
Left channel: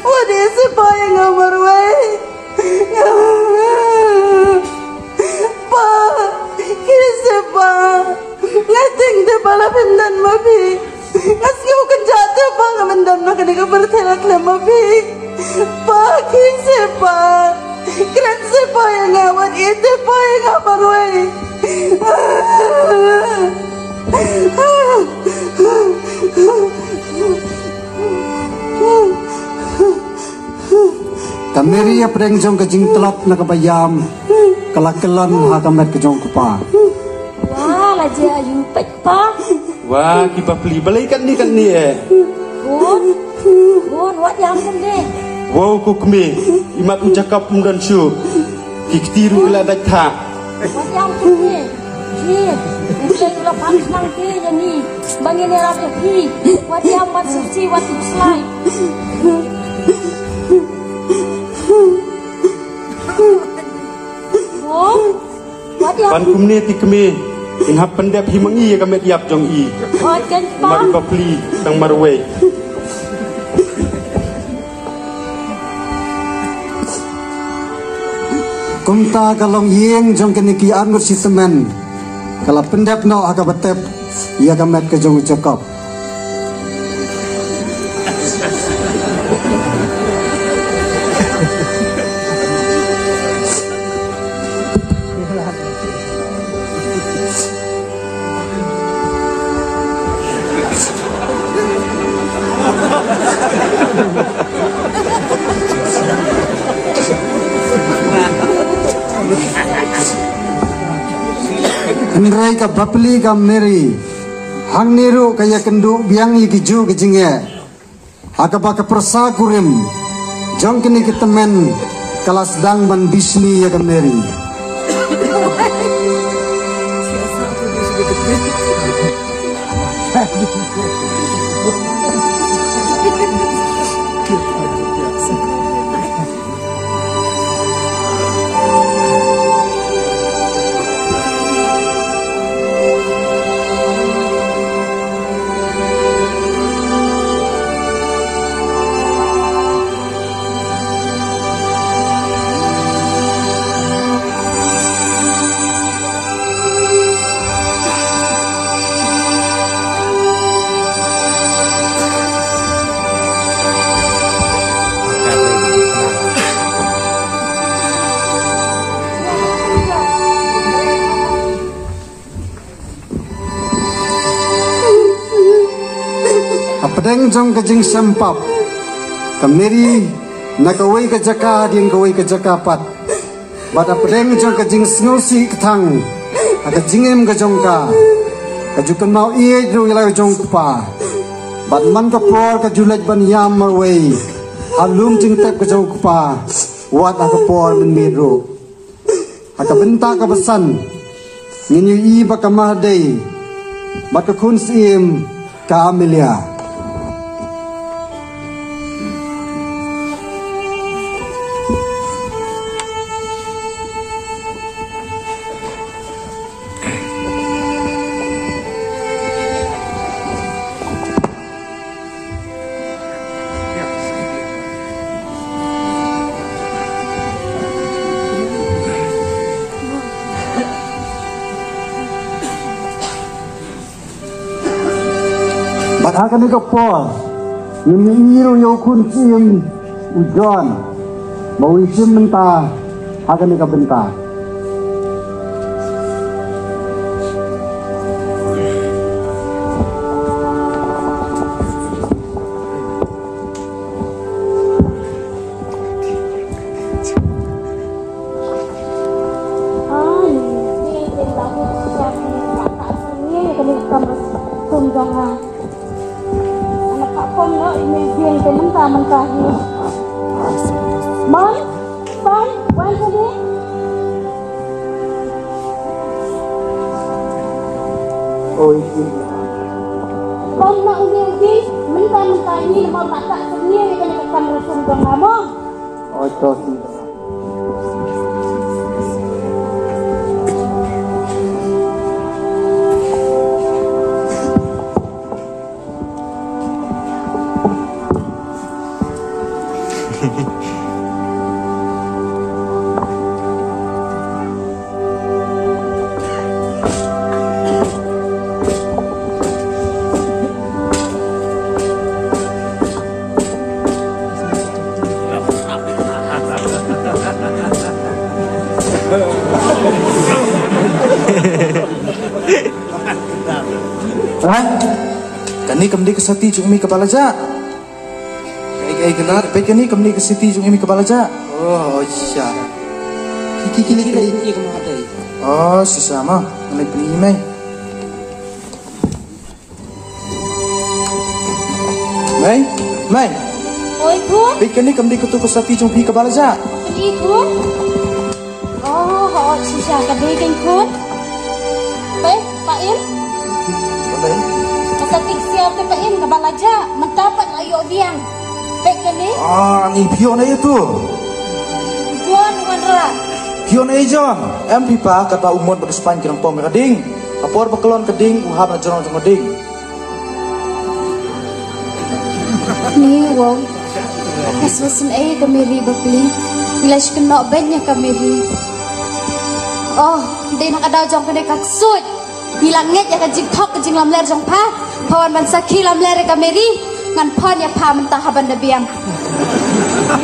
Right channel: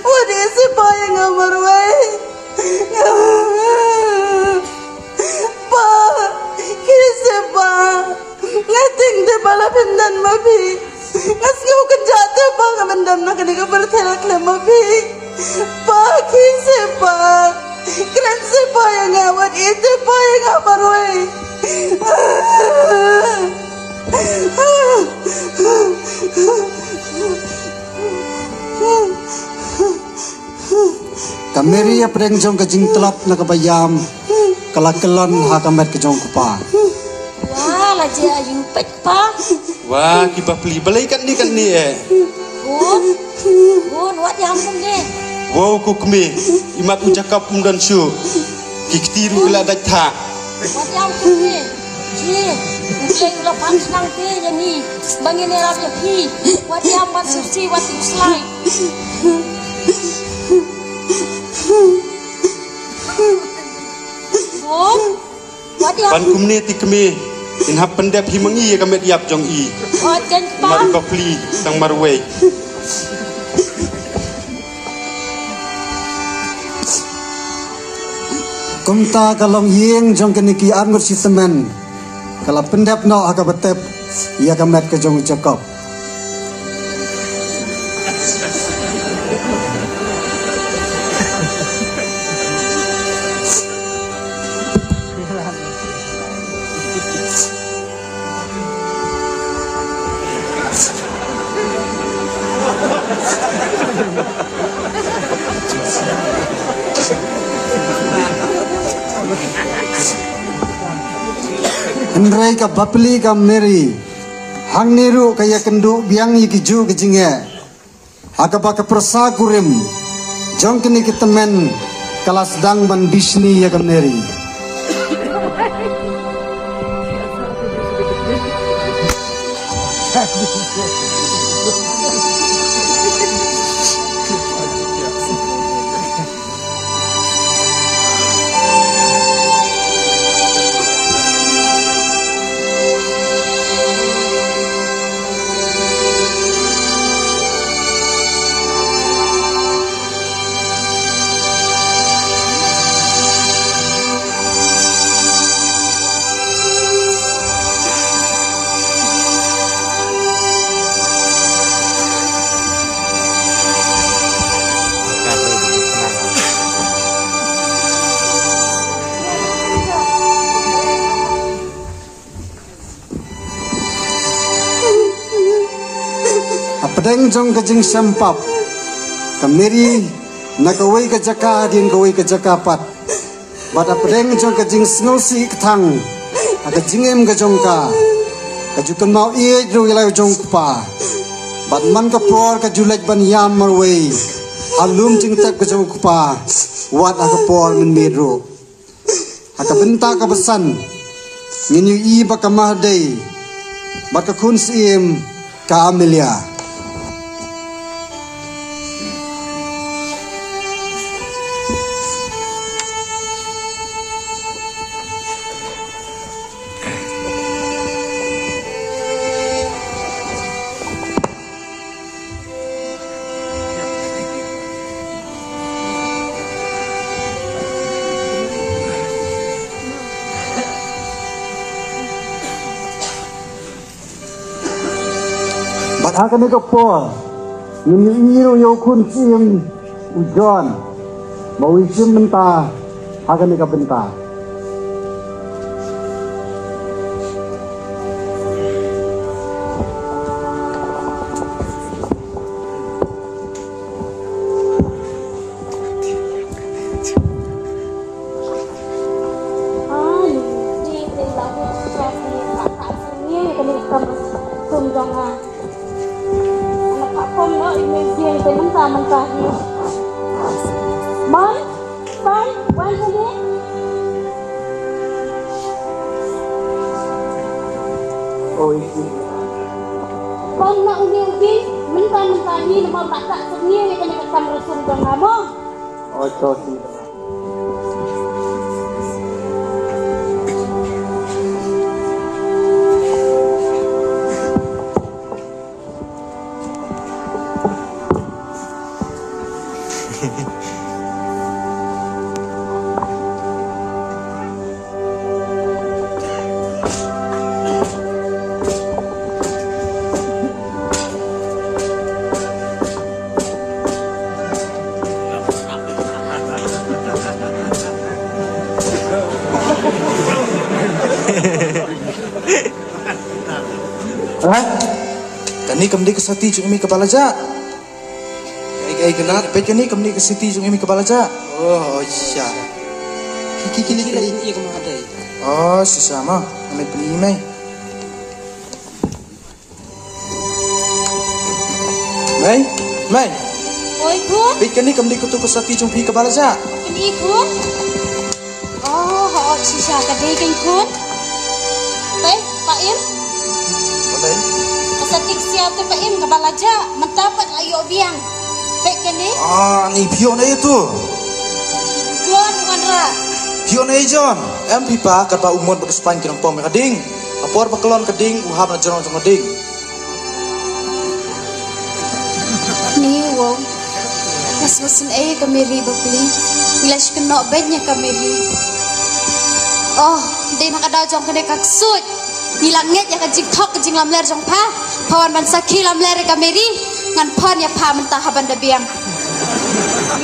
Wadi supaya ngamarwai. Pa, Keren sepoy nga wat ite poy nga marway. Kameri apreng jong kajing telak na kabayam kalakelon ha kamet kejong kupa. Wah, lajir ayu pek pa. Wah, kita beli balaikan ni kan ni Bun, wat yang ni. Wow, kukmi, imat ucakap dan syu. Kiktiru kela datha. Wat yang ni. Ji, mulai lepas nanti ni. Bangin ni rapi pi. Wat yang wat suci, wat slide. Pan kumne tikme inhap pendep himangi kamet yap jong i. Mat bapli tang marway. Kumta kalong yeng jong keniki angur sisemen. Kalau pendep no aga betep ia kamet ke jong cokop. Henry ka bapli ka meri hang niru kaya kendu biang iki ju kejinge akaba ka persa kurim jong kini kitemen kala sedang ban bisni ya ka meri Apedeng jong kejing sempap kameri nakawai ke jaka din kawai ke jakapat bad apedeng jong kejing snosi ketang ada jingem ke jongka kajukan mau iye jong ilai jong kupa bad man kapor ke julek ban yam marway halum jing tak ke jong kupa wat akapor men medro akabenta kabesan nginyu i bakamah day bakakun sim ka Amelia. Akan dikapor, menyiru yokun sim ujon, mau isim mentah, akan dikabentah. Kau nak uji mentah-mentah ni mau tak sendiri kena macam langsung dong kamu. Oh itu. Kani kamdi kesati jung mi kepala ja. Kai genat pe kani kamdi kesati jung mi kepala ja. Oh iya. Kiki kematai. Oh sesama mai peni mai. Mai. Oi kun. Pe kani kamdi kutu kesati jung pi kepala ja. Peni kun. Oh sisa kadai kan kun. Baik, Pak Im. Baik. Kesatik siap tu Pak Im kepala ja mendapat ayo biang. Baik kani. Ni pion aja tu. John Wandra. Pion aja John. Em pipa kata umur berkesupan kirang pom kading. Apor bekelon kading uhap na jorong jong kading. Ni wong. Kesusun kameri bakli. Ilash kenok bednya kameri. Oh, dia nak ada jong kena kaksud. Bilang nget ya kajik tok kajik lam ler jong pa. Pawan ban sakhi lam ler kameri. Ngan pan ya pa mentah haban dabiam.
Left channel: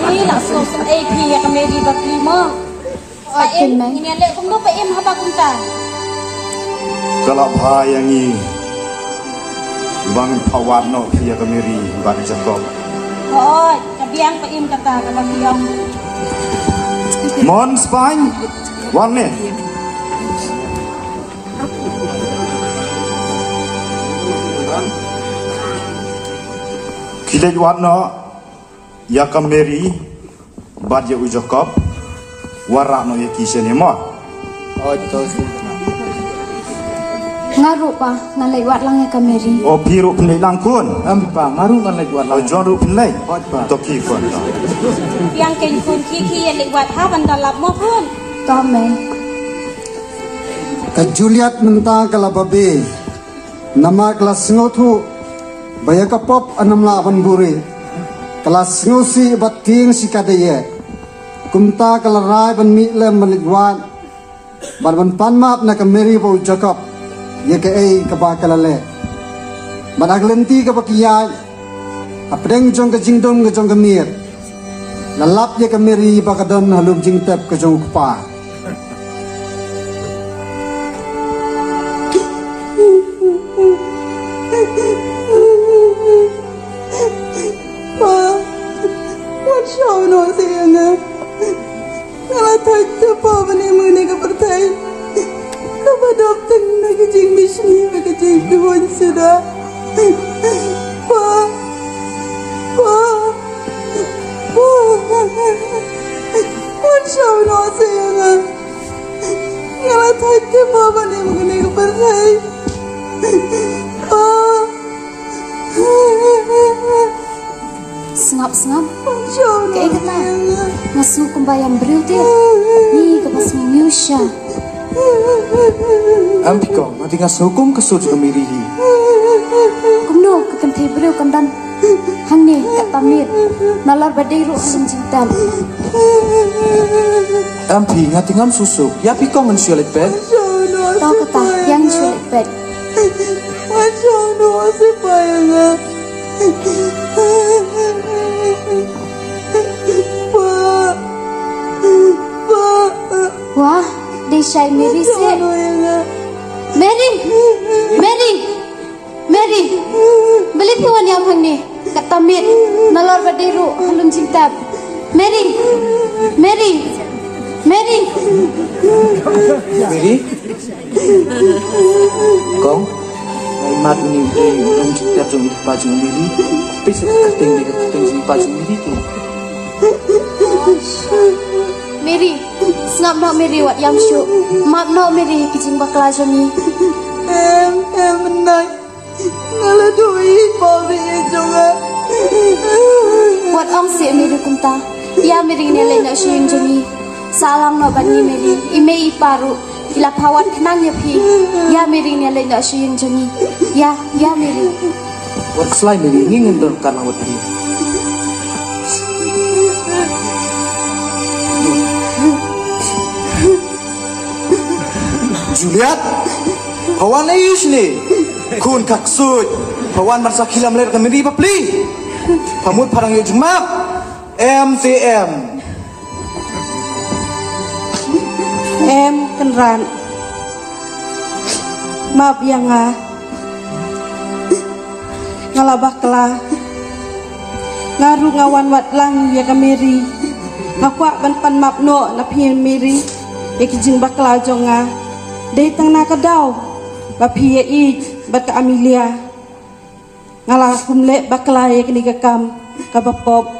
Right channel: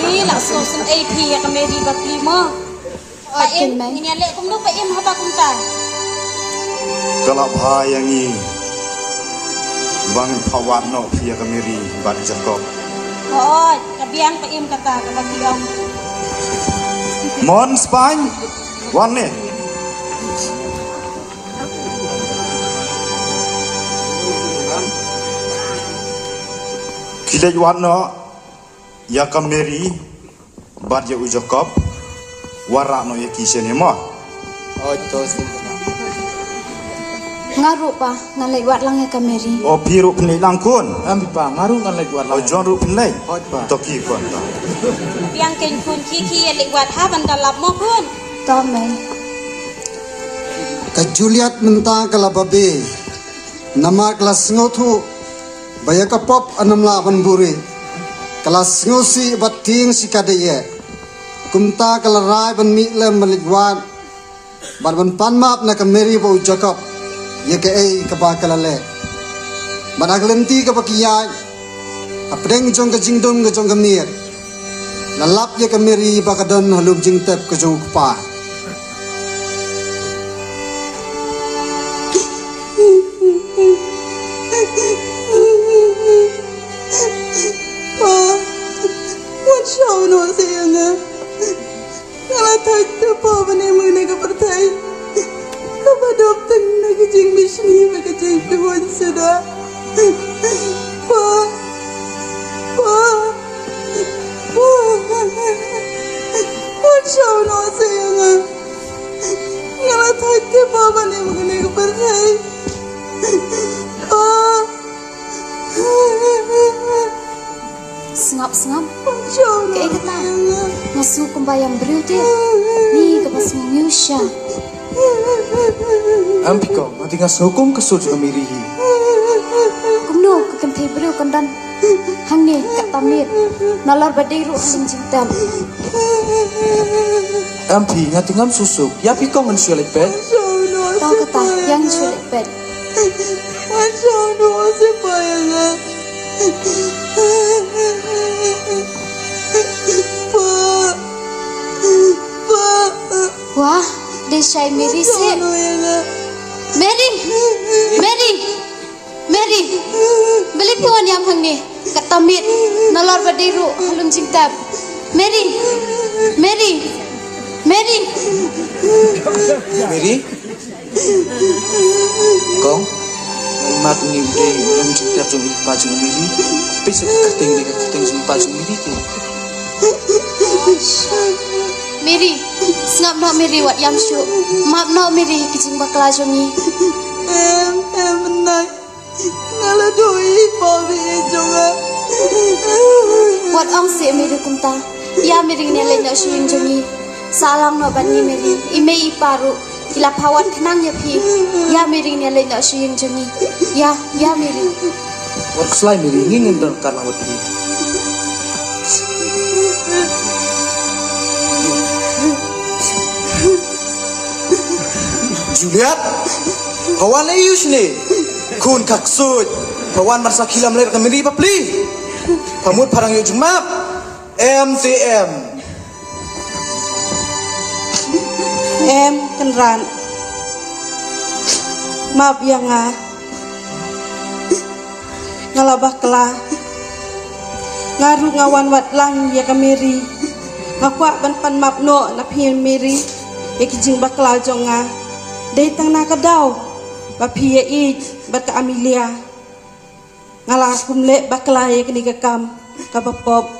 Ni langsung sen AP ya kameri bakli mo. Paim, ini lek kum do paim haba kum ta. Kalau bayangi bang pawat no pia kameri ban jengkok. Oh, kabiang paim kata kabiang. Mon Spain, warne. Kilej warno ya kameri bad ya ujakop warak no ya kisene mo. Oh itu. Ngaru pa ngalai wat lang ya kameri. Oh biru penilai langkun. Pipa ngaru kan lagi wat lang. Oh John ru penilai. Toki kun. Yang ken kun kiki yang lewat haban dalam mo kun. Tome. Ka Juliet mentang kala babe. Nama kelas ngotu. Baya ka pop anam laban buri. Kelas ngosi bating si kadeye. Kumta kala rai ban mi lem maligwan. Ban pan map na kameri bo jakap. Ye ke ka ba kala le. Ban aglenti ka bakiya. Apdeng jong ka jingdong ka jong ka mir. Lalap ye kameri ba kadon halum jing tep ka jong pa. Sengap. Kayak kata masuk kumbayang berute. Ni kepas Miusha. Ampiko, nanti ngasukum kesut kameri. Kumno kekentai beriu kandan. Hangi katamir. Nalar badiru halum cinta. Ampi ngati ngam susuk. Ya piko ngan sulit pet. Tahu kata yang sulit pet. Wah, desai Mary sih. Mary, beli tuan yang hang kata Mir, nalar badiru halum cinta. Mary. Kau, mat ni halum cinta jom pajung Miri. Bisa keting jom pajung Miri tu. Mary, sengap nak Mary wat yang syuk. Maaf nak Mary kicing bakla jomi. Em menang. Ngala doi babi jonga. Wat ong si Mary kumta. Ya Mary ni lain nak syuk jomi. Salam nak bani Mary. Ime iparu. Hilap hawat kenang ya pi. Ya Mary ni lain nak syuk jomi. Ya Mary. Wat selain Mary ingin terkan awat pi. Juliet, kawan ayus ni, kun kaksud, kawan marsa kilam ler kameri bapli, pamut parang yo jemap, MTM. Kenran. Maaf ya nga. ngalabah kela ngaru ngawan wat lang ya kameri hakwa ban pan mapno na pien meri ya kijing bakla jonga dei tang na kadau ba pia I bat ka Amelia ngala kumle bakla ya kini kakam kabapop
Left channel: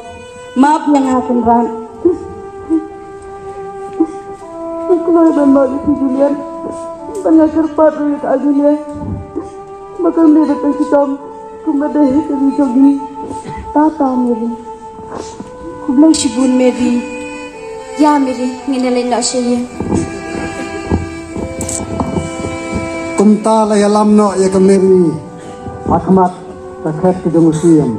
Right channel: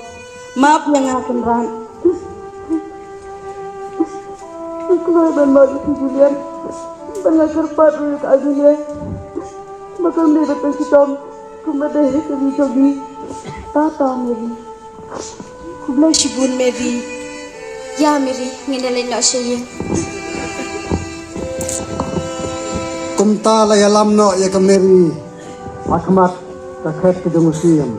maaf yang ngakun ran aku ban bagi si Julian ban ngakerpat dari ka Amelia bakal me betul sitom kumade ke jogi tata Mary kublai shibun Mary ya Mary nginalin no siya kumta la yalam no ya kameri akmat takhet ke museum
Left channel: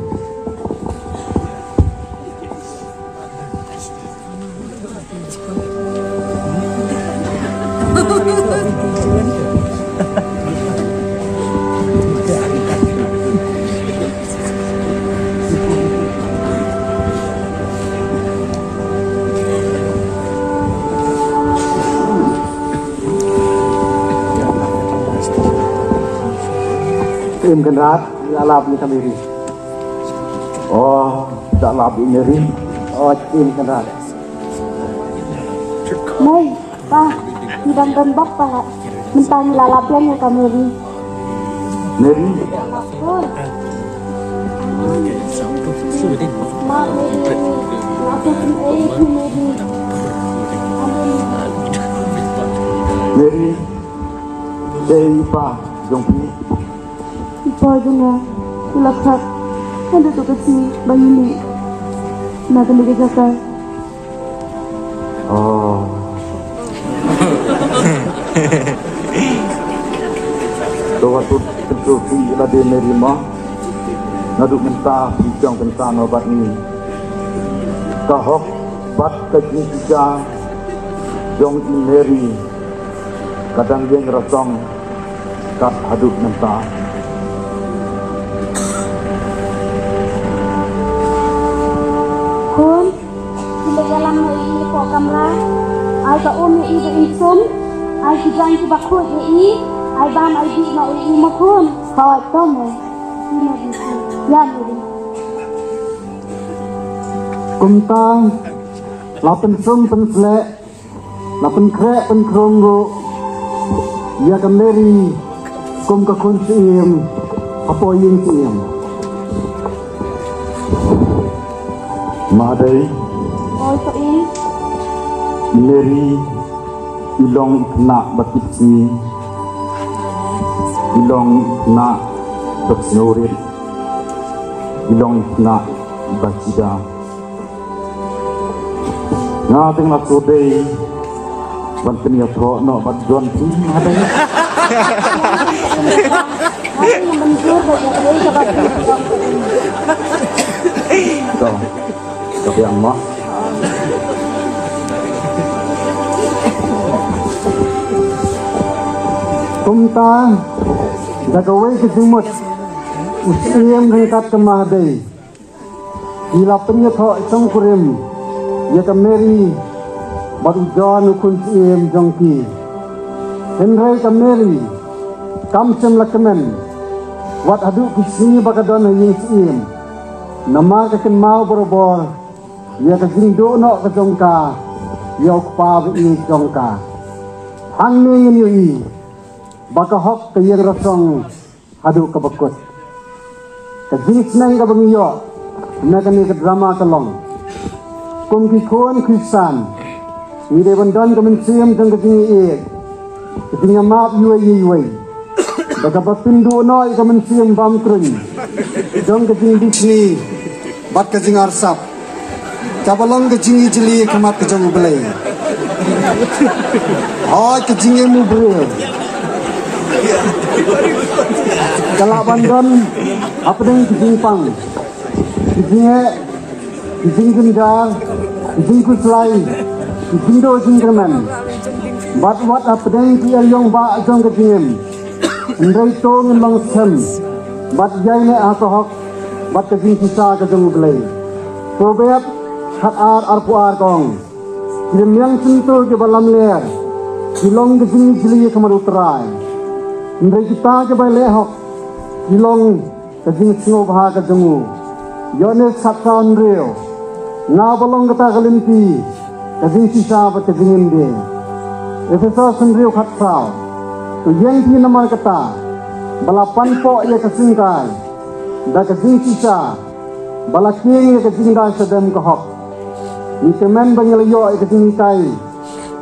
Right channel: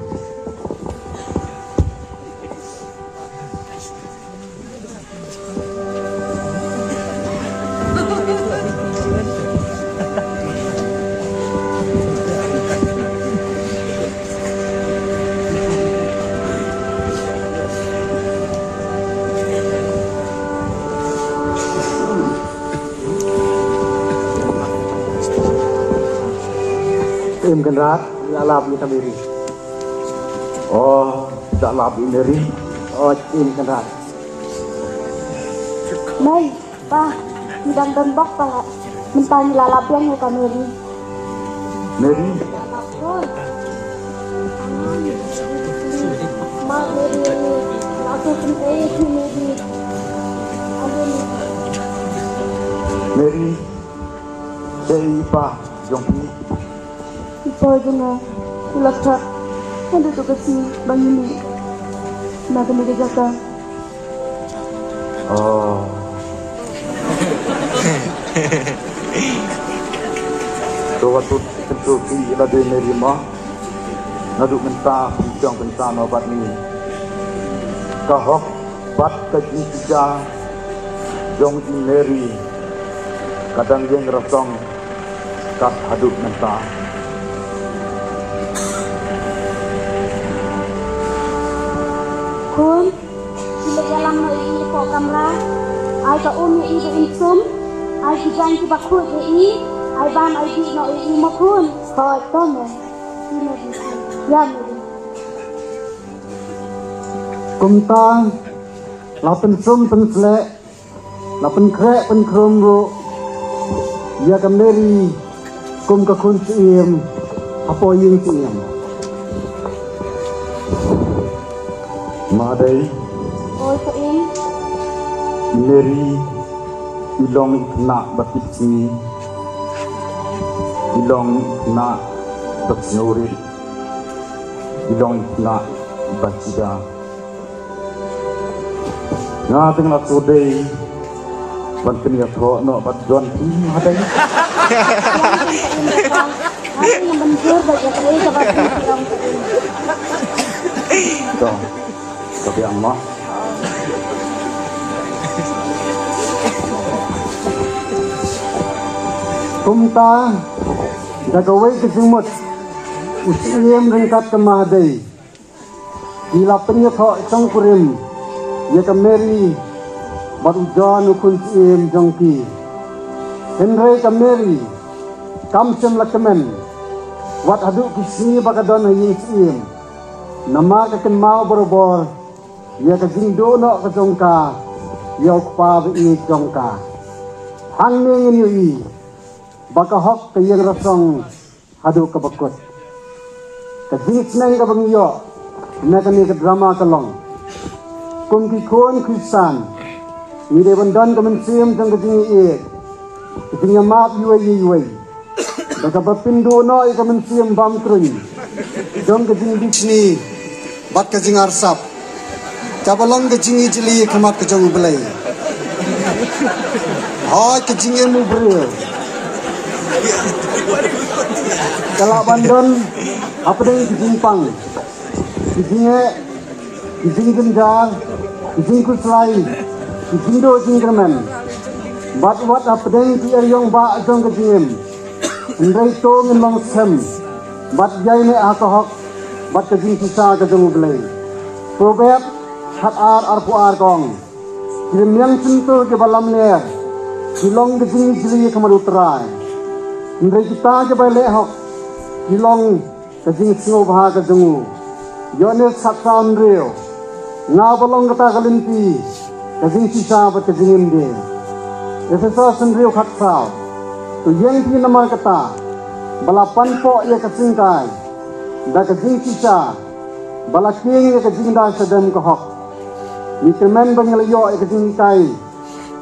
Kenrat, alab ni kameri. Oh, tak alab ni Mary. Oh, kenrat. Nay, pa, hidang gambak pa. Mentang lalapyan ya kameri. Mary. Maaf Mary, aku Mary. Mary, day pa, jongki. Ipa juga, ulakhat, ada tu kasi bayi ni, nak kena dijaga. Oh. Waktu tentu kita di nerima, naduk mentah bincang tentang obat ini. Kahok bat kejika, jong Mary, kadang jeng rasong, kap hadut mentah. Kun, bila dalam ini kau kamera, ai ka umi ini insum, ai kijang ki bakut ini, ai bam ai di no ini makun, kau tome, ya. kumtang lapen sum pensle lapen krek pen kromro ya kameri kum ka kun sim apo yin sim Madai, Oh itu ini, Mary, ilong nak batisi, ilong nak bersnorit, ilong nak bacida. Ngating nak sodai, banten ya pro no batjon si madai. Tapi amma kumta dagawai ke jumut usiam rengkat kemadai ila penyekho sangkurim ya kameri baru John ukun sim jongki Henry kameri kamsen lakamen wat adu kisi bakadon yin sim nama kaken mau berobor ya kajing do no ka jongka ya pa vi jongka hang ni yui baka hok ke yang rasong adu ka bakut kajing sneng ka bangiyo na kani ka drama kalong kung ki kon krisan ni de bandan ka mensiam jong kajing kajing ma yui baka bapindo no ka mensiam bam trun jong kajing bisni bat kajing arsap kabalong kajing jeli kemat kajong belai oh kajing mu belai kalau bandon apa dengan kajing pang kajing genjar kajing kusrai kajing do jingkerman bat apa dengan kia yong ba jong kajing ndai tong mang sem bat jai ne akahok bat kajing sisa kajong belai probab hat arpu argong kirmiang sentul ke balam leer kilong ke sini jeli ke marutrai ndai kita ke balehok kilong kajing snow baha kajongu yonel sapsan reo na bolong kata kalimpi kajing sisa bat kajing inde efesa sendrio khat prao tu yang pi nama kata balapan ko ye kasingkai da kajing sisa balaking ye kajing da sedem ko hok ni kemen banglayo ye kajing kai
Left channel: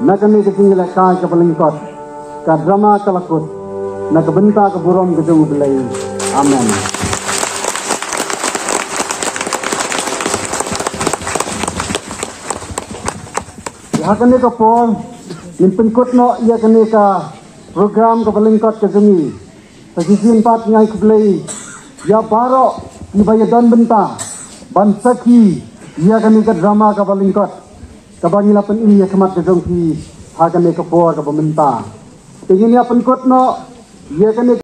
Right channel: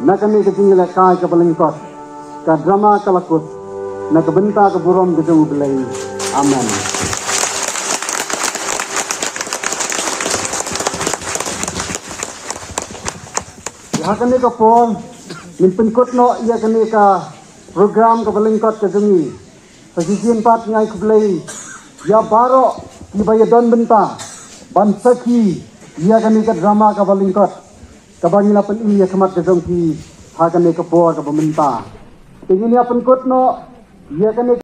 na kami kajing lekai ka balingkot ka drama kalakut na kabenta ka burom kajong belai amen. Hakane ka pon min pengkot no ia kane ka program ka balingkot ka jemi position pat nyai kublei ya baro di bayadan benta ban sakhi ia kane ka drama ka balingkot ka bangila pen ini semat ka jongki hakane ka po ka peminta tingin ya pengkot no ia kane